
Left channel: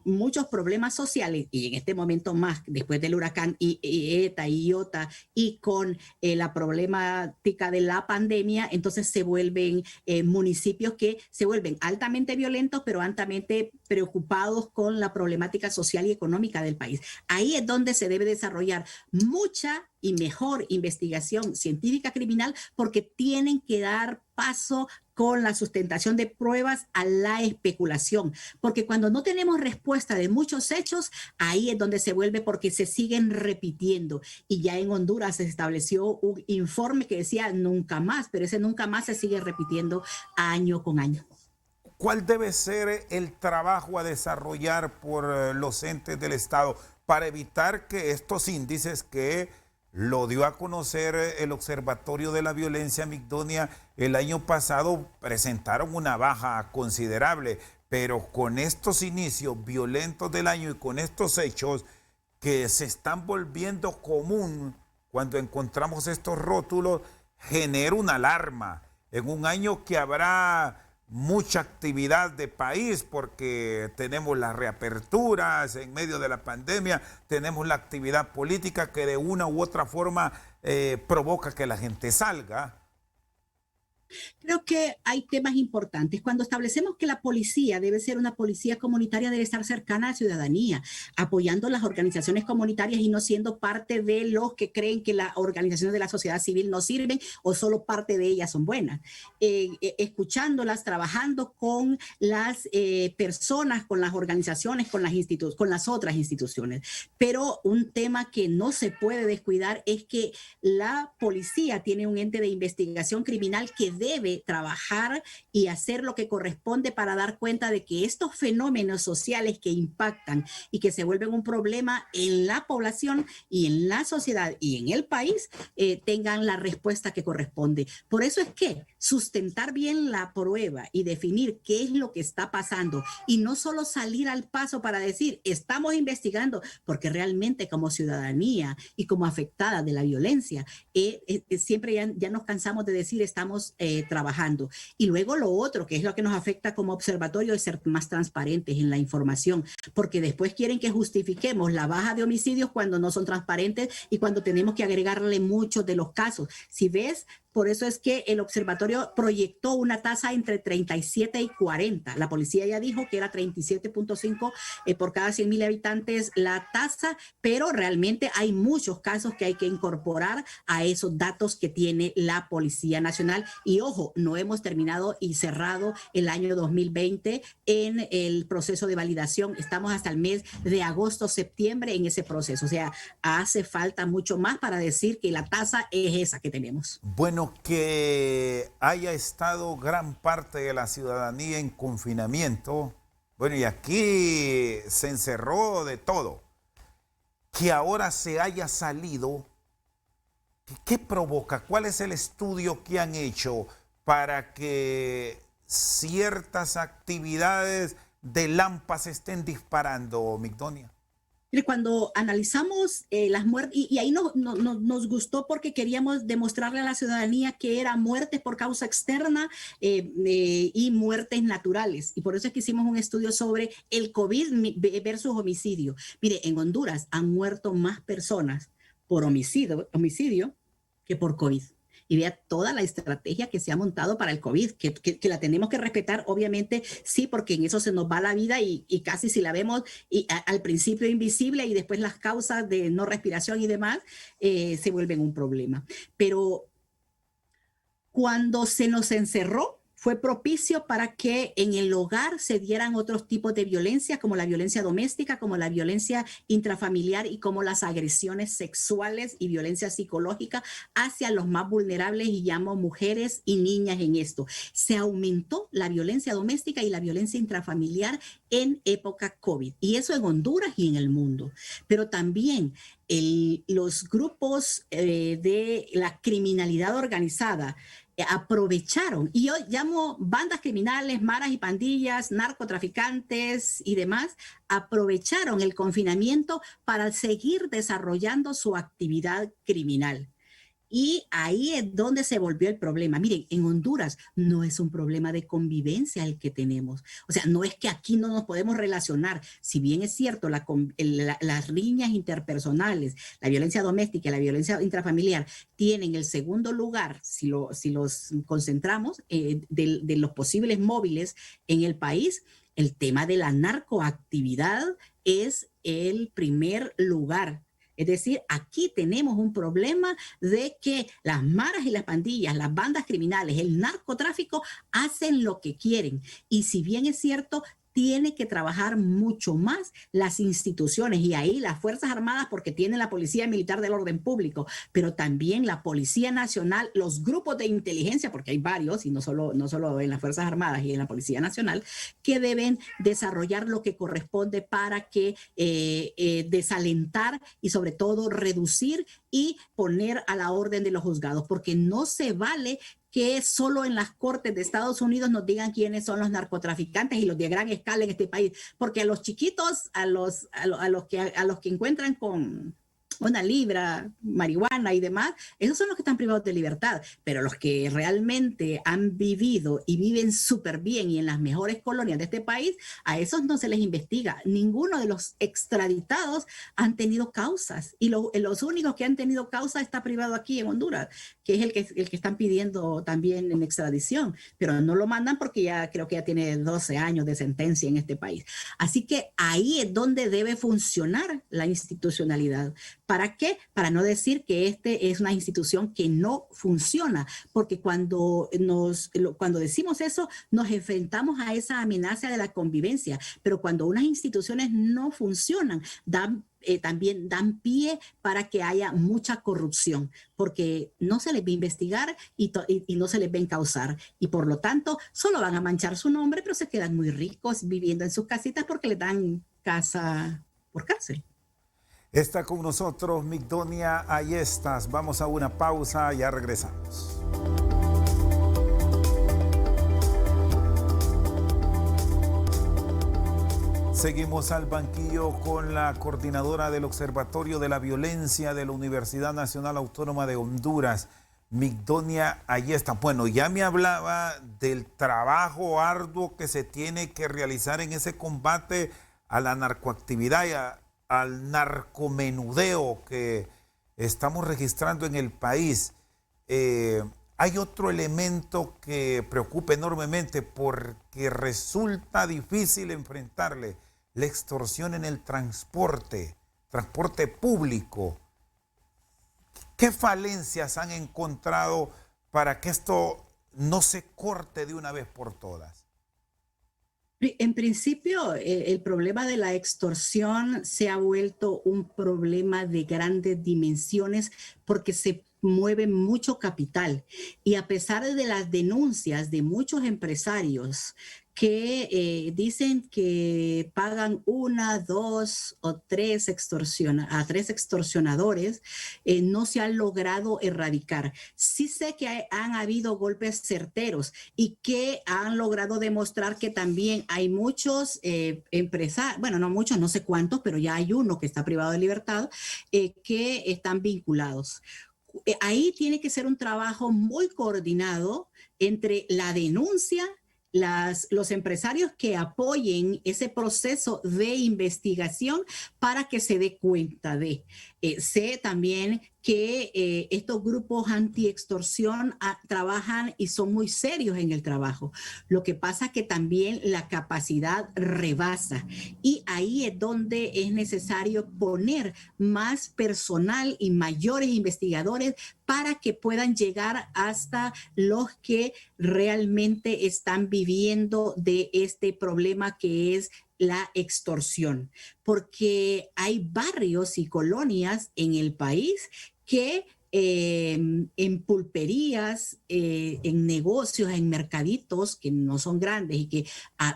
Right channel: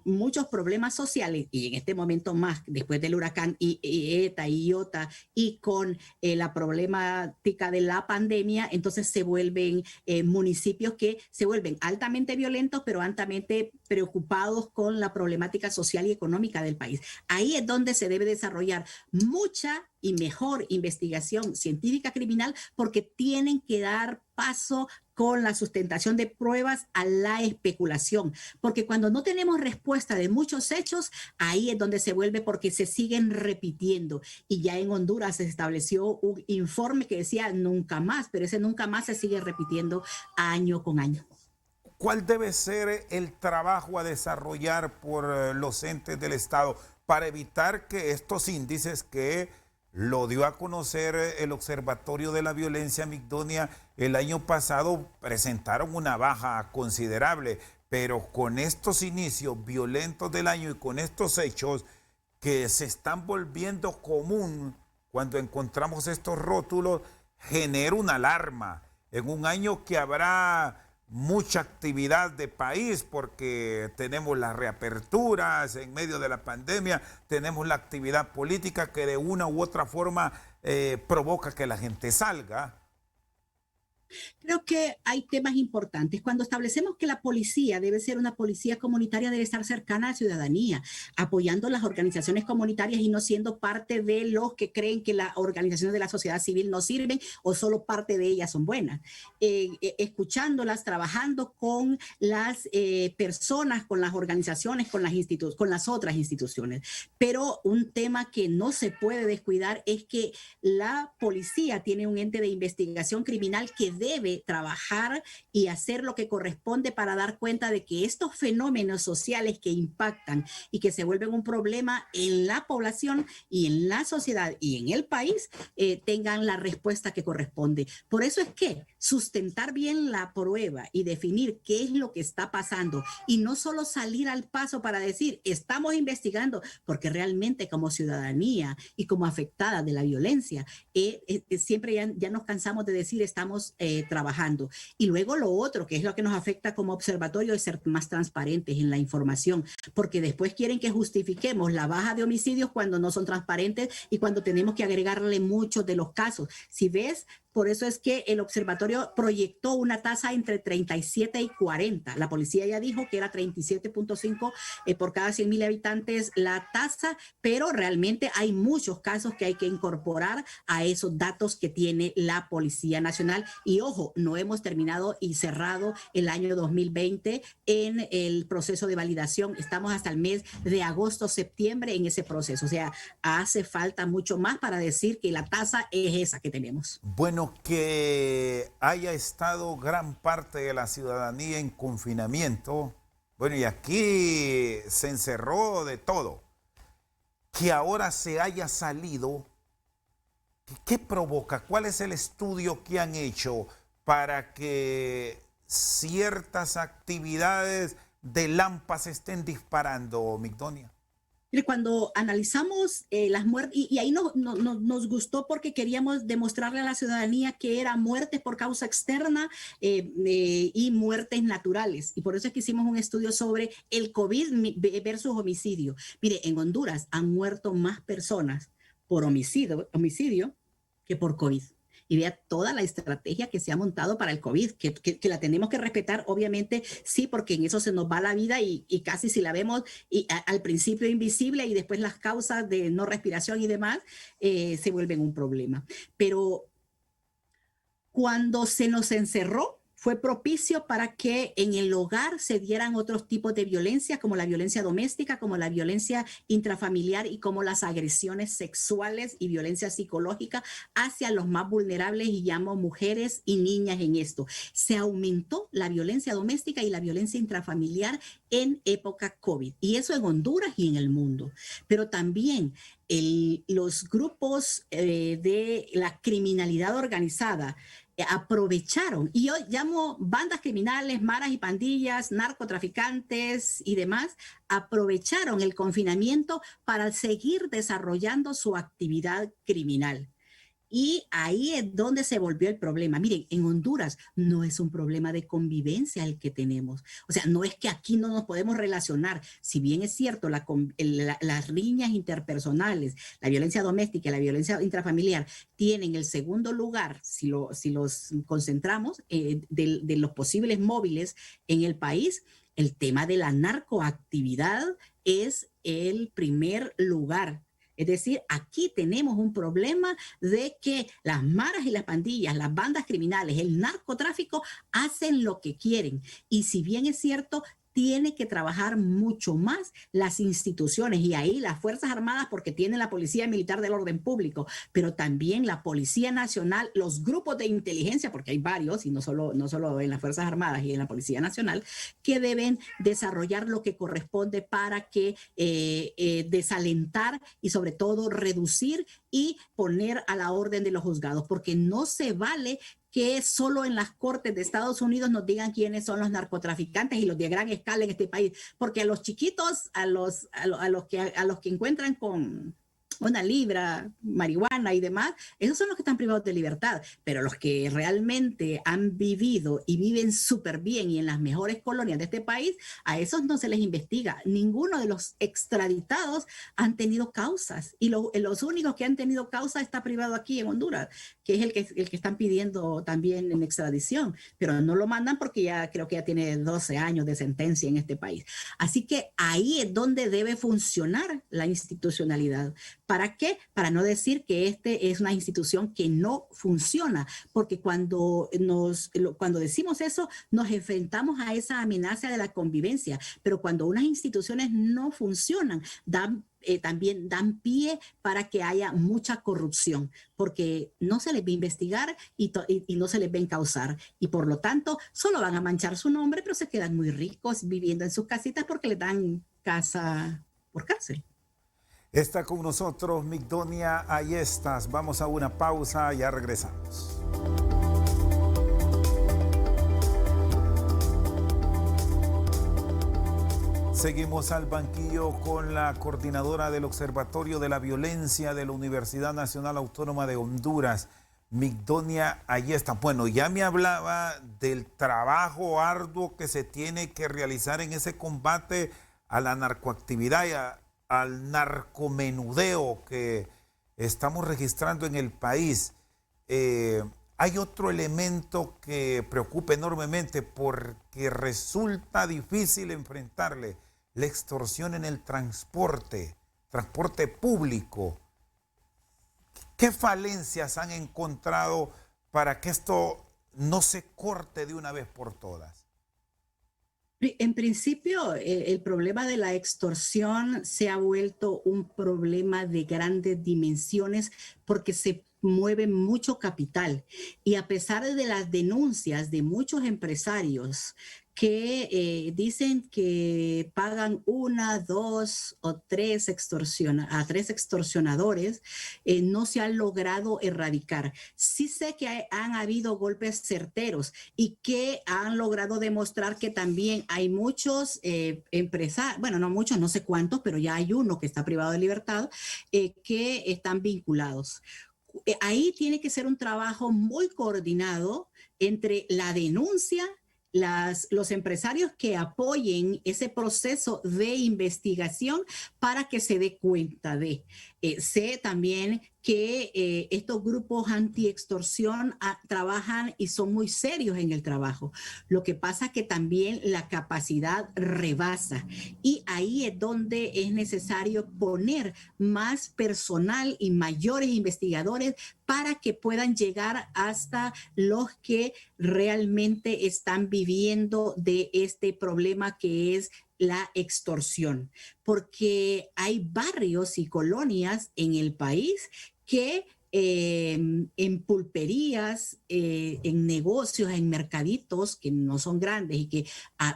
muchos problemas sociales y en este momento más después del huracán ETA y Iota y con la problemática de la pandemia, entonces se vuelven municipios que se vuelven altamente violentos, pero altamente preocupados con la problemática social y económica del país. Ahí es donde se debe desarrollar mucha y mejor investigación científica criminal, porque tienen que dar paso con la sustentación de pruebas a la especulación, porque cuando no tenemos respuesta de muchos hechos, ahí es donde se vuelve, porque se siguen repitiendo. Y ya en Honduras se estableció un informe que decía nunca más, pero ese nunca más se sigue repitiendo año con año. ¿Cuál debe ser el trabajo a desarrollar por los entes del Estado para evitar que estos índices que lo dio a conocer el Observatorio de la Violencia, Migdonia, el año pasado presentaron una baja considerable, pero con estos inicios violentos del año y con estos hechos que se están volviendo común cuando encontramos estos rótulos, genera una alarma en un año que habrá mucha actividad de país porque tenemos las reaperturas en medio de la pandemia, tenemos la actividad política que de una u otra forma provoca que la gente salga. Creo que hay temas importantes. Cuando establecemos que la policía debe ser una policía comunitaria, debe estar cercana a la ciudadanía, apoyando las organizaciones comunitarias y no siendo parte de los que creen que las organizaciones de la sociedad civil no sirven o solo parte de ellas son buenas. Escuchándolas, trabajando con las personas, con las organizaciones, con las otras instituciones. Pero un tema que no se puede descuidar es que la policía tiene un ente de investigación criminal que debe trabajar y hacer lo que corresponde para dar cuenta de que estos fenómenos sociales que impactan y que se vuelven un problema en la población y en la sociedad y en el país tengan la respuesta que corresponde. Por eso es que sustentar bien la prueba y definir qué es lo que está pasando y no solo salir al paso para decir estamos investigando, porque realmente como ciudadanía y como afectada de la violencia siempre ya nos cansamos de decir estamos trabajando. Y luego lo otro, que es lo que nos afecta como observatorio, es ser más transparentes en la información, porque después quieren que justifiquemos la baja de homicidios cuando no son transparentes y cuando tenemos que agregarle muchos de los casos. Si ves, por eso es que el observatorio proyectó una tasa entre 37 y 40. La policía ya dijo que era 37.5 por cada 100,000 habitantes la tasa, pero realmente hay muchos casos que hay que incorporar a esos datos que tiene la Policía Nacional. Y ojo, no hemos terminado y cerrado el año 2020 en el proceso de validación. Estamos hasta el mes de agosto, septiembre en ese proceso. O sea, hace falta mucho más para decir que la tasa es esa que tenemos. Bueno, que haya estado gran parte de la ciudadanía en confinamiento, bueno, y aquí se encerró de todo, que ahora se haya salido, ¿qué provoca? ¿Cuál es el estudio que han hecho para que ciertas actividades de Lampa se estén disparando, Migdonia? Mire, cuando analizamos las muertes, y ahí nos gustó porque queríamos demostrarle a la ciudadanía que eran muertes por causa externa y muertes naturales. Y por eso es que hicimos un estudio sobre el COVID versus homicidio. Mire, en Honduras han muerto más personas por homicidio que por COVID. Y vea toda la estrategia que se ha montado para el COVID, que la tenemos que respetar, obviamente, sí, porque en eso se nos va la vida y casi si la vemos al principio invisible y después las causas de no respiración y demás se vuelven un problema. Pero cuando se nos encerró, fue propicio para que en el hogar se dieran otros tipos de violencia, como la violencia doméstica, como la violencia intrafamiliar y como las agresiones sexuales y violencia psicológica hacia los más vulnerables, y llamo mujeres y niñas en esto. Se aumentó la violencia doméstica y la violencia intrafamiliar en época COVID, y eso en Honduras y en el mundo. Pero también los grupos de la criminalidad organizada aprovecharon, y yo llamo bandas criminales, maras y pandillas, narcotraficantes y demás, aprovecharon el confinamiento para seguir desarrollando su actividad criminal. Y ahí es donde se volvió el problema. Miren, en Honduras no es un problema de convivencia el que tenemos. O sea, no es que aquí no nos podemos relacionar. Si bien es cierto, las riñas interpersonales, la violencia doméstica y la violencia intrafamiliar tienen el segundo lugar, si los concentramos, de los posibles móviles en el país, el tema de la narcoactividad es el primer lugar. Es decir, aquí tenemos un problema de que las maras y las pandillas, las bandas criminales, el narcotráfico hacen lo que quieren. Y si bien es cierto, tiene que trabajar mucho más las instituciones, y ahí las Fuerzas Armadas, porque tienen la Policía Militar del Orden Público, pero también la Policía Nacional, los grupos de inteligencia, porque hay varios, y no solo en las Fuerzas Armadas y en la Policía Nacional, que deben desarrollar lo que corresponde para que desalentar y sobre todo reducir y poner a la orden de los juzgados, porque no se vale que solo en las cortes de Estados Unidos nos digan quiénes son los narcotraficantes y los de gran escala en este país, porque a los chiquitos, a los que encuentran con una libra, marihuana y demás, esos son los que están privados de libertad, pero los que realmente han vivido y viven súper bien y en las mejores colonias de este país, a esos no se les investiga. Ninguno de los extraditados han tenido causas, y los únicos que han tenido causa está privado aquí en Honduras, que es el que están pidiendo también en extradición, pero no lo mandan porque ya creo que ya tiene 12 años de sentencia en este país. Así que ahí es donde debe funcionar la institucionalidad. ¿Para qué? Para no decir que este es una institución que no funciona, porque cuando decimos eso, nos enfrentamos a esa amenaza de la convivencia, pero cuando unas instituciones no funcionan, también dan pie para que haya mucha corrupción, porque no se les va a investigar y no se les va a encauzar, y por lo tanto solo van a manchar su nombre, pero se quedan muy ricos viviendo en sus casitas porque les dan casa por cárcel. Está con nosotros Migdonia Ayestas. Vamos a una pausa, ya regresamos. Seguimos al banquillo con la coordinadora del Observatorio de la Violencia de la Universidad Nacional Autónoma de Honduras, Migdonia Ayestas. Bueno, ya me hablaba del trabajo arduo que se tiene que realizar en ese combate a la narcoactividad y al narcomenudeo que estamos registrando en el país. Hay otro elemento que preocupa enormemente porque resulta difícil enfrentarle: la extorsión en el transporte público. ¿Qué falencias han encontrado para que esto no se corte de una vez por todas? En principio, el problema de la extorsión se ha vuelto un problema de grandes dimensiones porque se mueve mucho capital, y a pesar de las denuncias de muchos empresarios que dicen que pagan una, dos o tres a tres extorsionadores, no se han logrado erradicar. Sí sé que han habido golpes certeros y que han logrado demostrar que también hay muchos empresarios, bueno, no muchos, no sé cuántos, pero ya hay uno que está privado de libertad, que están vinculados. Ahí tiene que ser un trabajo muy coordinado entre la denuncia, los empresarios que apoyen ese proceso de investigación para que se dé cuenta de. Sé también que estos grupos anti-extorsión trabajan y son muy serios en el trabajo. Lo que pasa es que también la capacidad rebasa y ahí es donde es necesario poner más personal y mayores investigadores para que puedan llegar hasta los que realmente están viviendo de este problema que es la extorsión, porque hay barrios y colonias en el país que en pulperías, en negocios, en mercaditos que no son grandes y que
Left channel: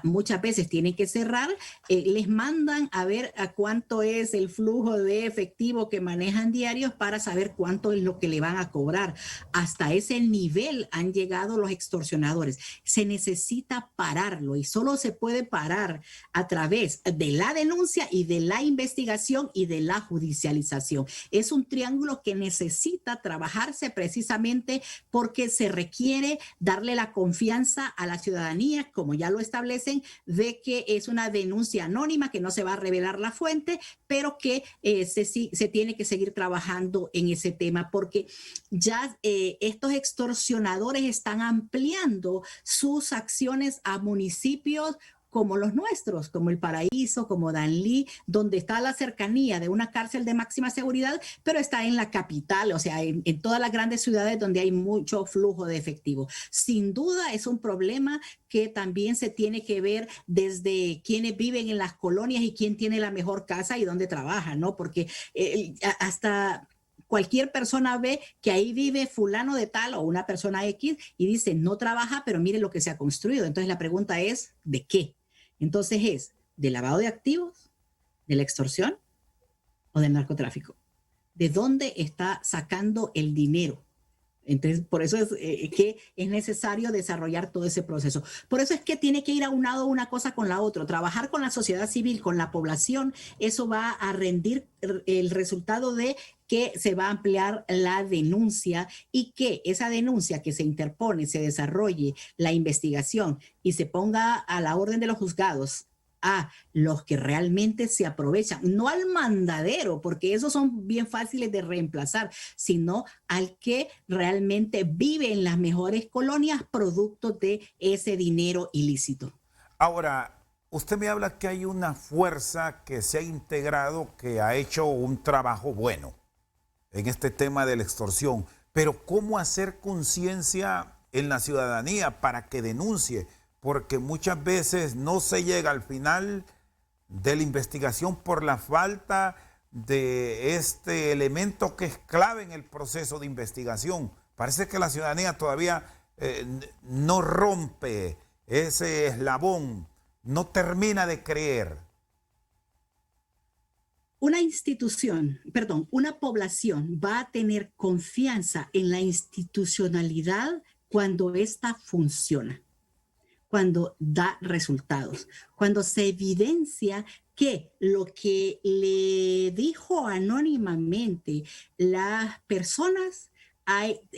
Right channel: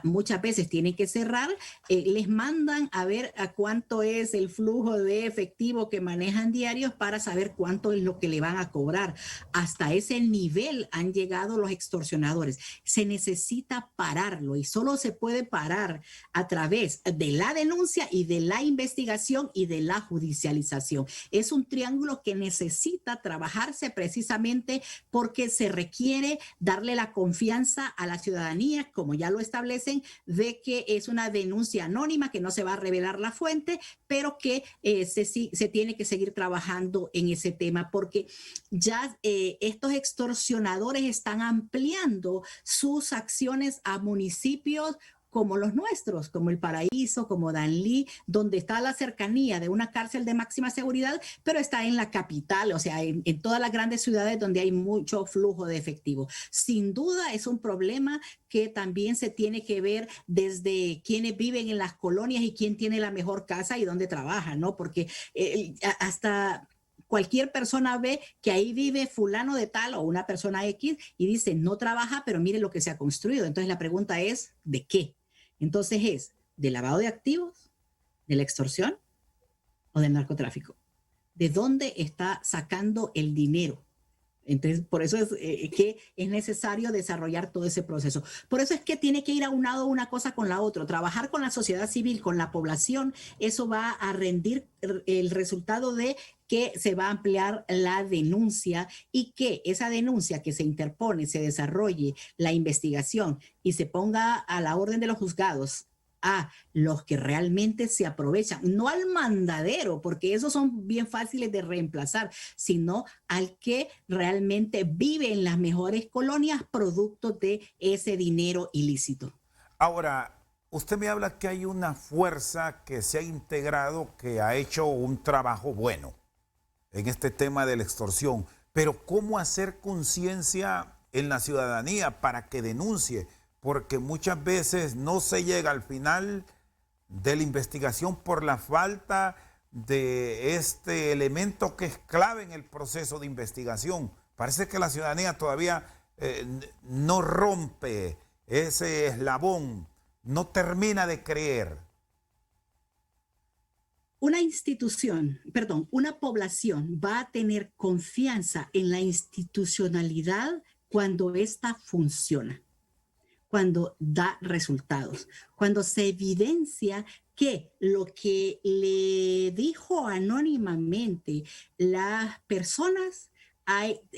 muchas veces tienen que cerrar, les mandan a ver a cuánto es el flujo de efectivo que manejan diarios para saber cuánto es lo que le van a cobrar. Hasta ese nivel han llegado los extorsionadores. Se necesita pararlo y solo se puede parar a través de la denuncia y de la investigación y de la judicialización. Es un triángulo que necesita trabajarse precisamente porque se requiere darle la confianza a la ciudadanía, como ya lo establecen, de que es una denuncia anónima, que no se va a revelar la fuente, pero que se tiene que seguir trabajando en ese tema porque ya estos extorsionadores están ampliando sus acciones a municipios como los nuestros, como El Paraíso, como Danlí, donde está la cercanía de una cárcel de máxima seguridad, pero está en la capital, o sea, en todas las grandes ciudades donde hay mucho flujo de efectivo. Sin duda es un problema que también se tiene que ver desde quienes viven en las colonias y quién tiene la mejor casa y dónde trabaja, ¿no? Porque hasta cualquier persona ve que ahí vive fulano de tal o una persona X y dice, no trabaja, pero mire lo que se ha construido. Entonces la pregunta es, ¿de qué? Entonces es del lavado de activos, de la extorsión o del narcotráfico. ¿De dónde está sacando el dinero? Entonces, por eso es que es necesario desarrollar todo ese proceso. Por eso es que tiene que ir aunado una cosa con la otra. Trabajar con la sociedad civil, con la población, eso va a rendir el resultado de que se va a ampliar la denuncia y que esa denuncia que se interpone, se desarrolle la investigación y se ponga a la orden de los juzgados a los que realmente se aprovechan, no al mandadero, porque esos son bien fáciles de reemplazar, sino al que realmente vive en las mejores colonias producto de ese dinero ilícito. Ahora, usted me habla que hay una fuerza que se ha integrado, que ha hecho un trabajo bueno en este tema de la extorsión, pero ¿cómo hacer conciencia en la ciudadanía para que denuncie? Porque muchas veces no se llega al final de la investigación por la falta de este elemento que es clave en el proceso de investigación. Parece que la ciudadanía todavía no rompe ese eslabón, no termina de creer. Una población va a tener confianza en la institucionalidad cuando ésta funciona, cuando da resultados, cuando se evidencia que lo que le dijo anónimamente las personas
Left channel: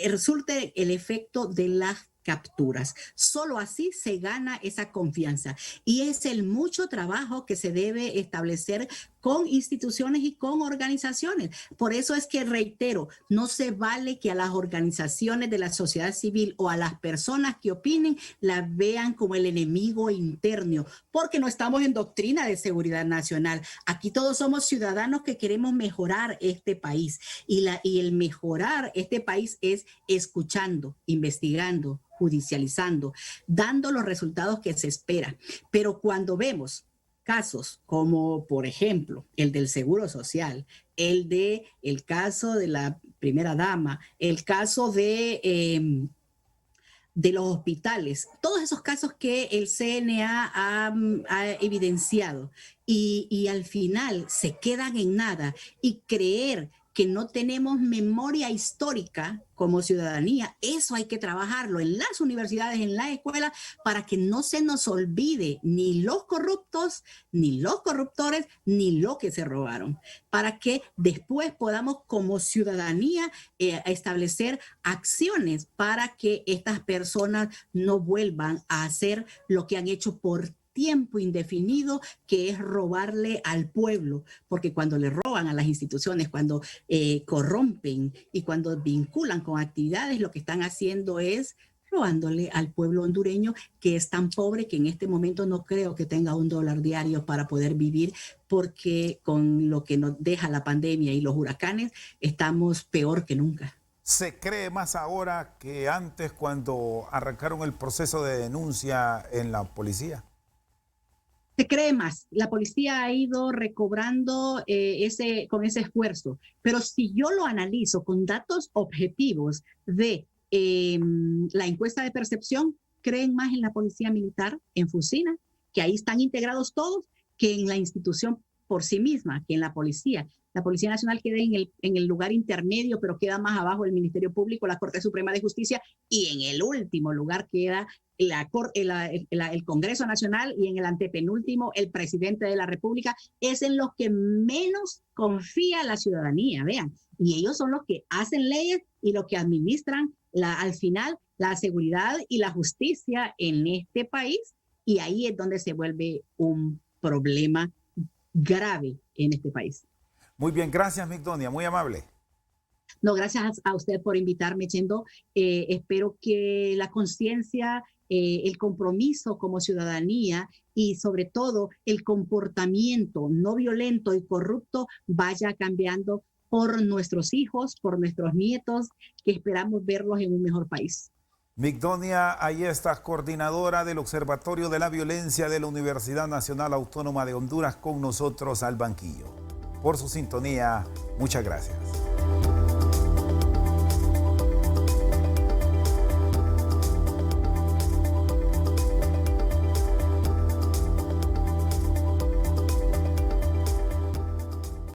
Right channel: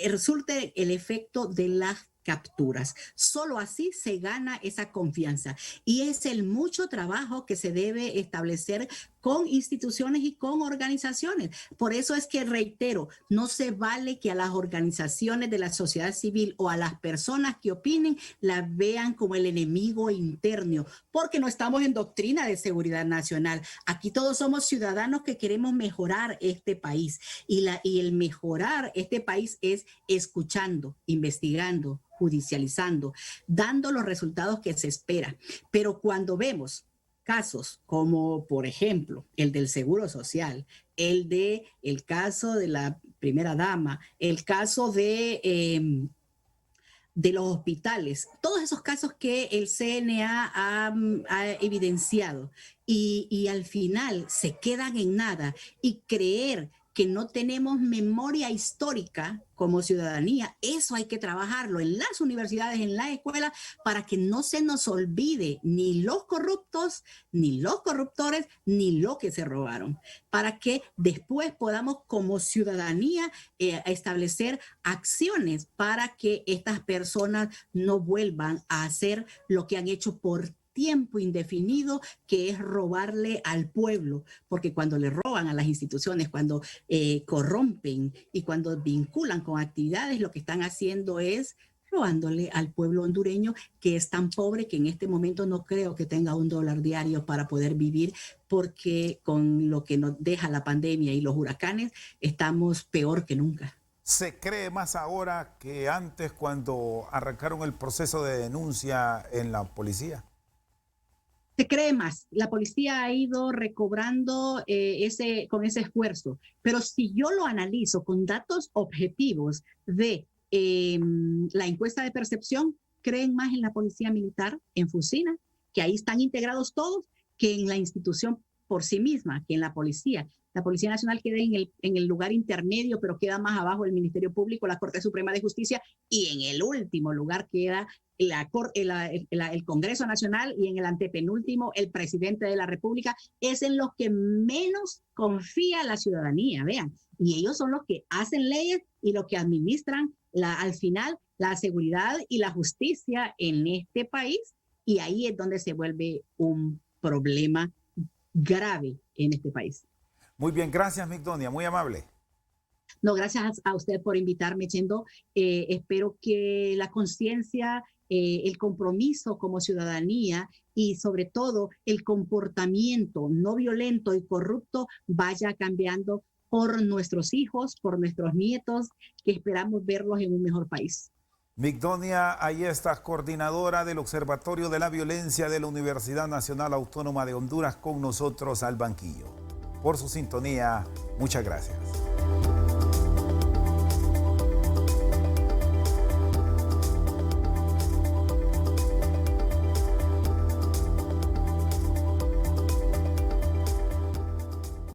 resulte el efecto de las capturas. Solo así se gana esa confianza y es el mucho trabajo que se debe establecer con instituciones y con organizaciones. Por eso es que reitero, no se vale que a las organizaciones de la sociedad civil o a las personas que opinen las vean como el enemigo interno, porque no estamos en doctrina de seguridad nacional. Aquí todos somos ciudadanos que queremos mejorar este país y el mejorar este país es escuchando, investigando, judicializando, dando los resultados que se espera. Pero cuando vemos casos como, por ejemplo, el del Seguro Social, el caso de la primera dama, el caso de de los hospitales, todos esos casos que el CNA ha evidenciado y al final se quedan en nada y creer que no tenemos memoria histórica como ciudadanía, eso hay que trabajarlo en las universidades, en las escuelas, para que no se nos olvide ni los corruptos, ni los corruptores, ni lo que se robaron, para que después podamos como ciudadanía establecer acciones para que estas personas no vuelvan a hacer lo que han hecho por tiempo indefinido, que es robarle al pueblo, porque cuando le roban a las instituciones, cuando corrompen y cuando vinculan con actividades, lo que están haciendo es robándole al pueblo hondureño, que es tan pobre que en este momento no creo que tenga $1 diario para poder vivir, porque con lo que nos deja la pandemia y los huracanes, estamos peor que nunca. ¿Se cree más ahora que antes cuando arrancaron el proceso de denuncia en la policía? Se cree más. La policía ha ido recobrando con ese esfuerzo. Pero si yo lo analizo con datos objetivos de la encuesta de percepción, creen más en la policía militar, en Fusina, que ahí están integrados todos, que en la institución por sí misma, que en la policía. La Policía Nacional queda en el lugar intermedio, pero queda más abajo el Ministerio Público, la Corte Suprema de Justicia, y en el último lugar queda el Congreso Nacional, y en el antepenúltimo el presidente de la República. Es en los que menos confía la ciudadanía, vean. Y ellos son los que hacen leyes y los que administran al final la seguridad y la justicia en este país. Y ahí es donde se vuelve un problema grave en este país. Muy bien, gracias, Migdonia, muy amable. No, gracias a usted por invitarme, Chendo. Espero que la conciencia, el compromiso como ciudadanía y sobre todo el comportamiento no violento y corrupto vaya cambiando por nuestros hijos, por nuestros nietos, que esperamos verlos en un mejor país. Migdonia, ahí está, coordinadora del Observatorio de la Violencia de la Universidad Nacional Autónoma de Honduras, con nosotros al banquillo. Por su sintonía, muchas gracias.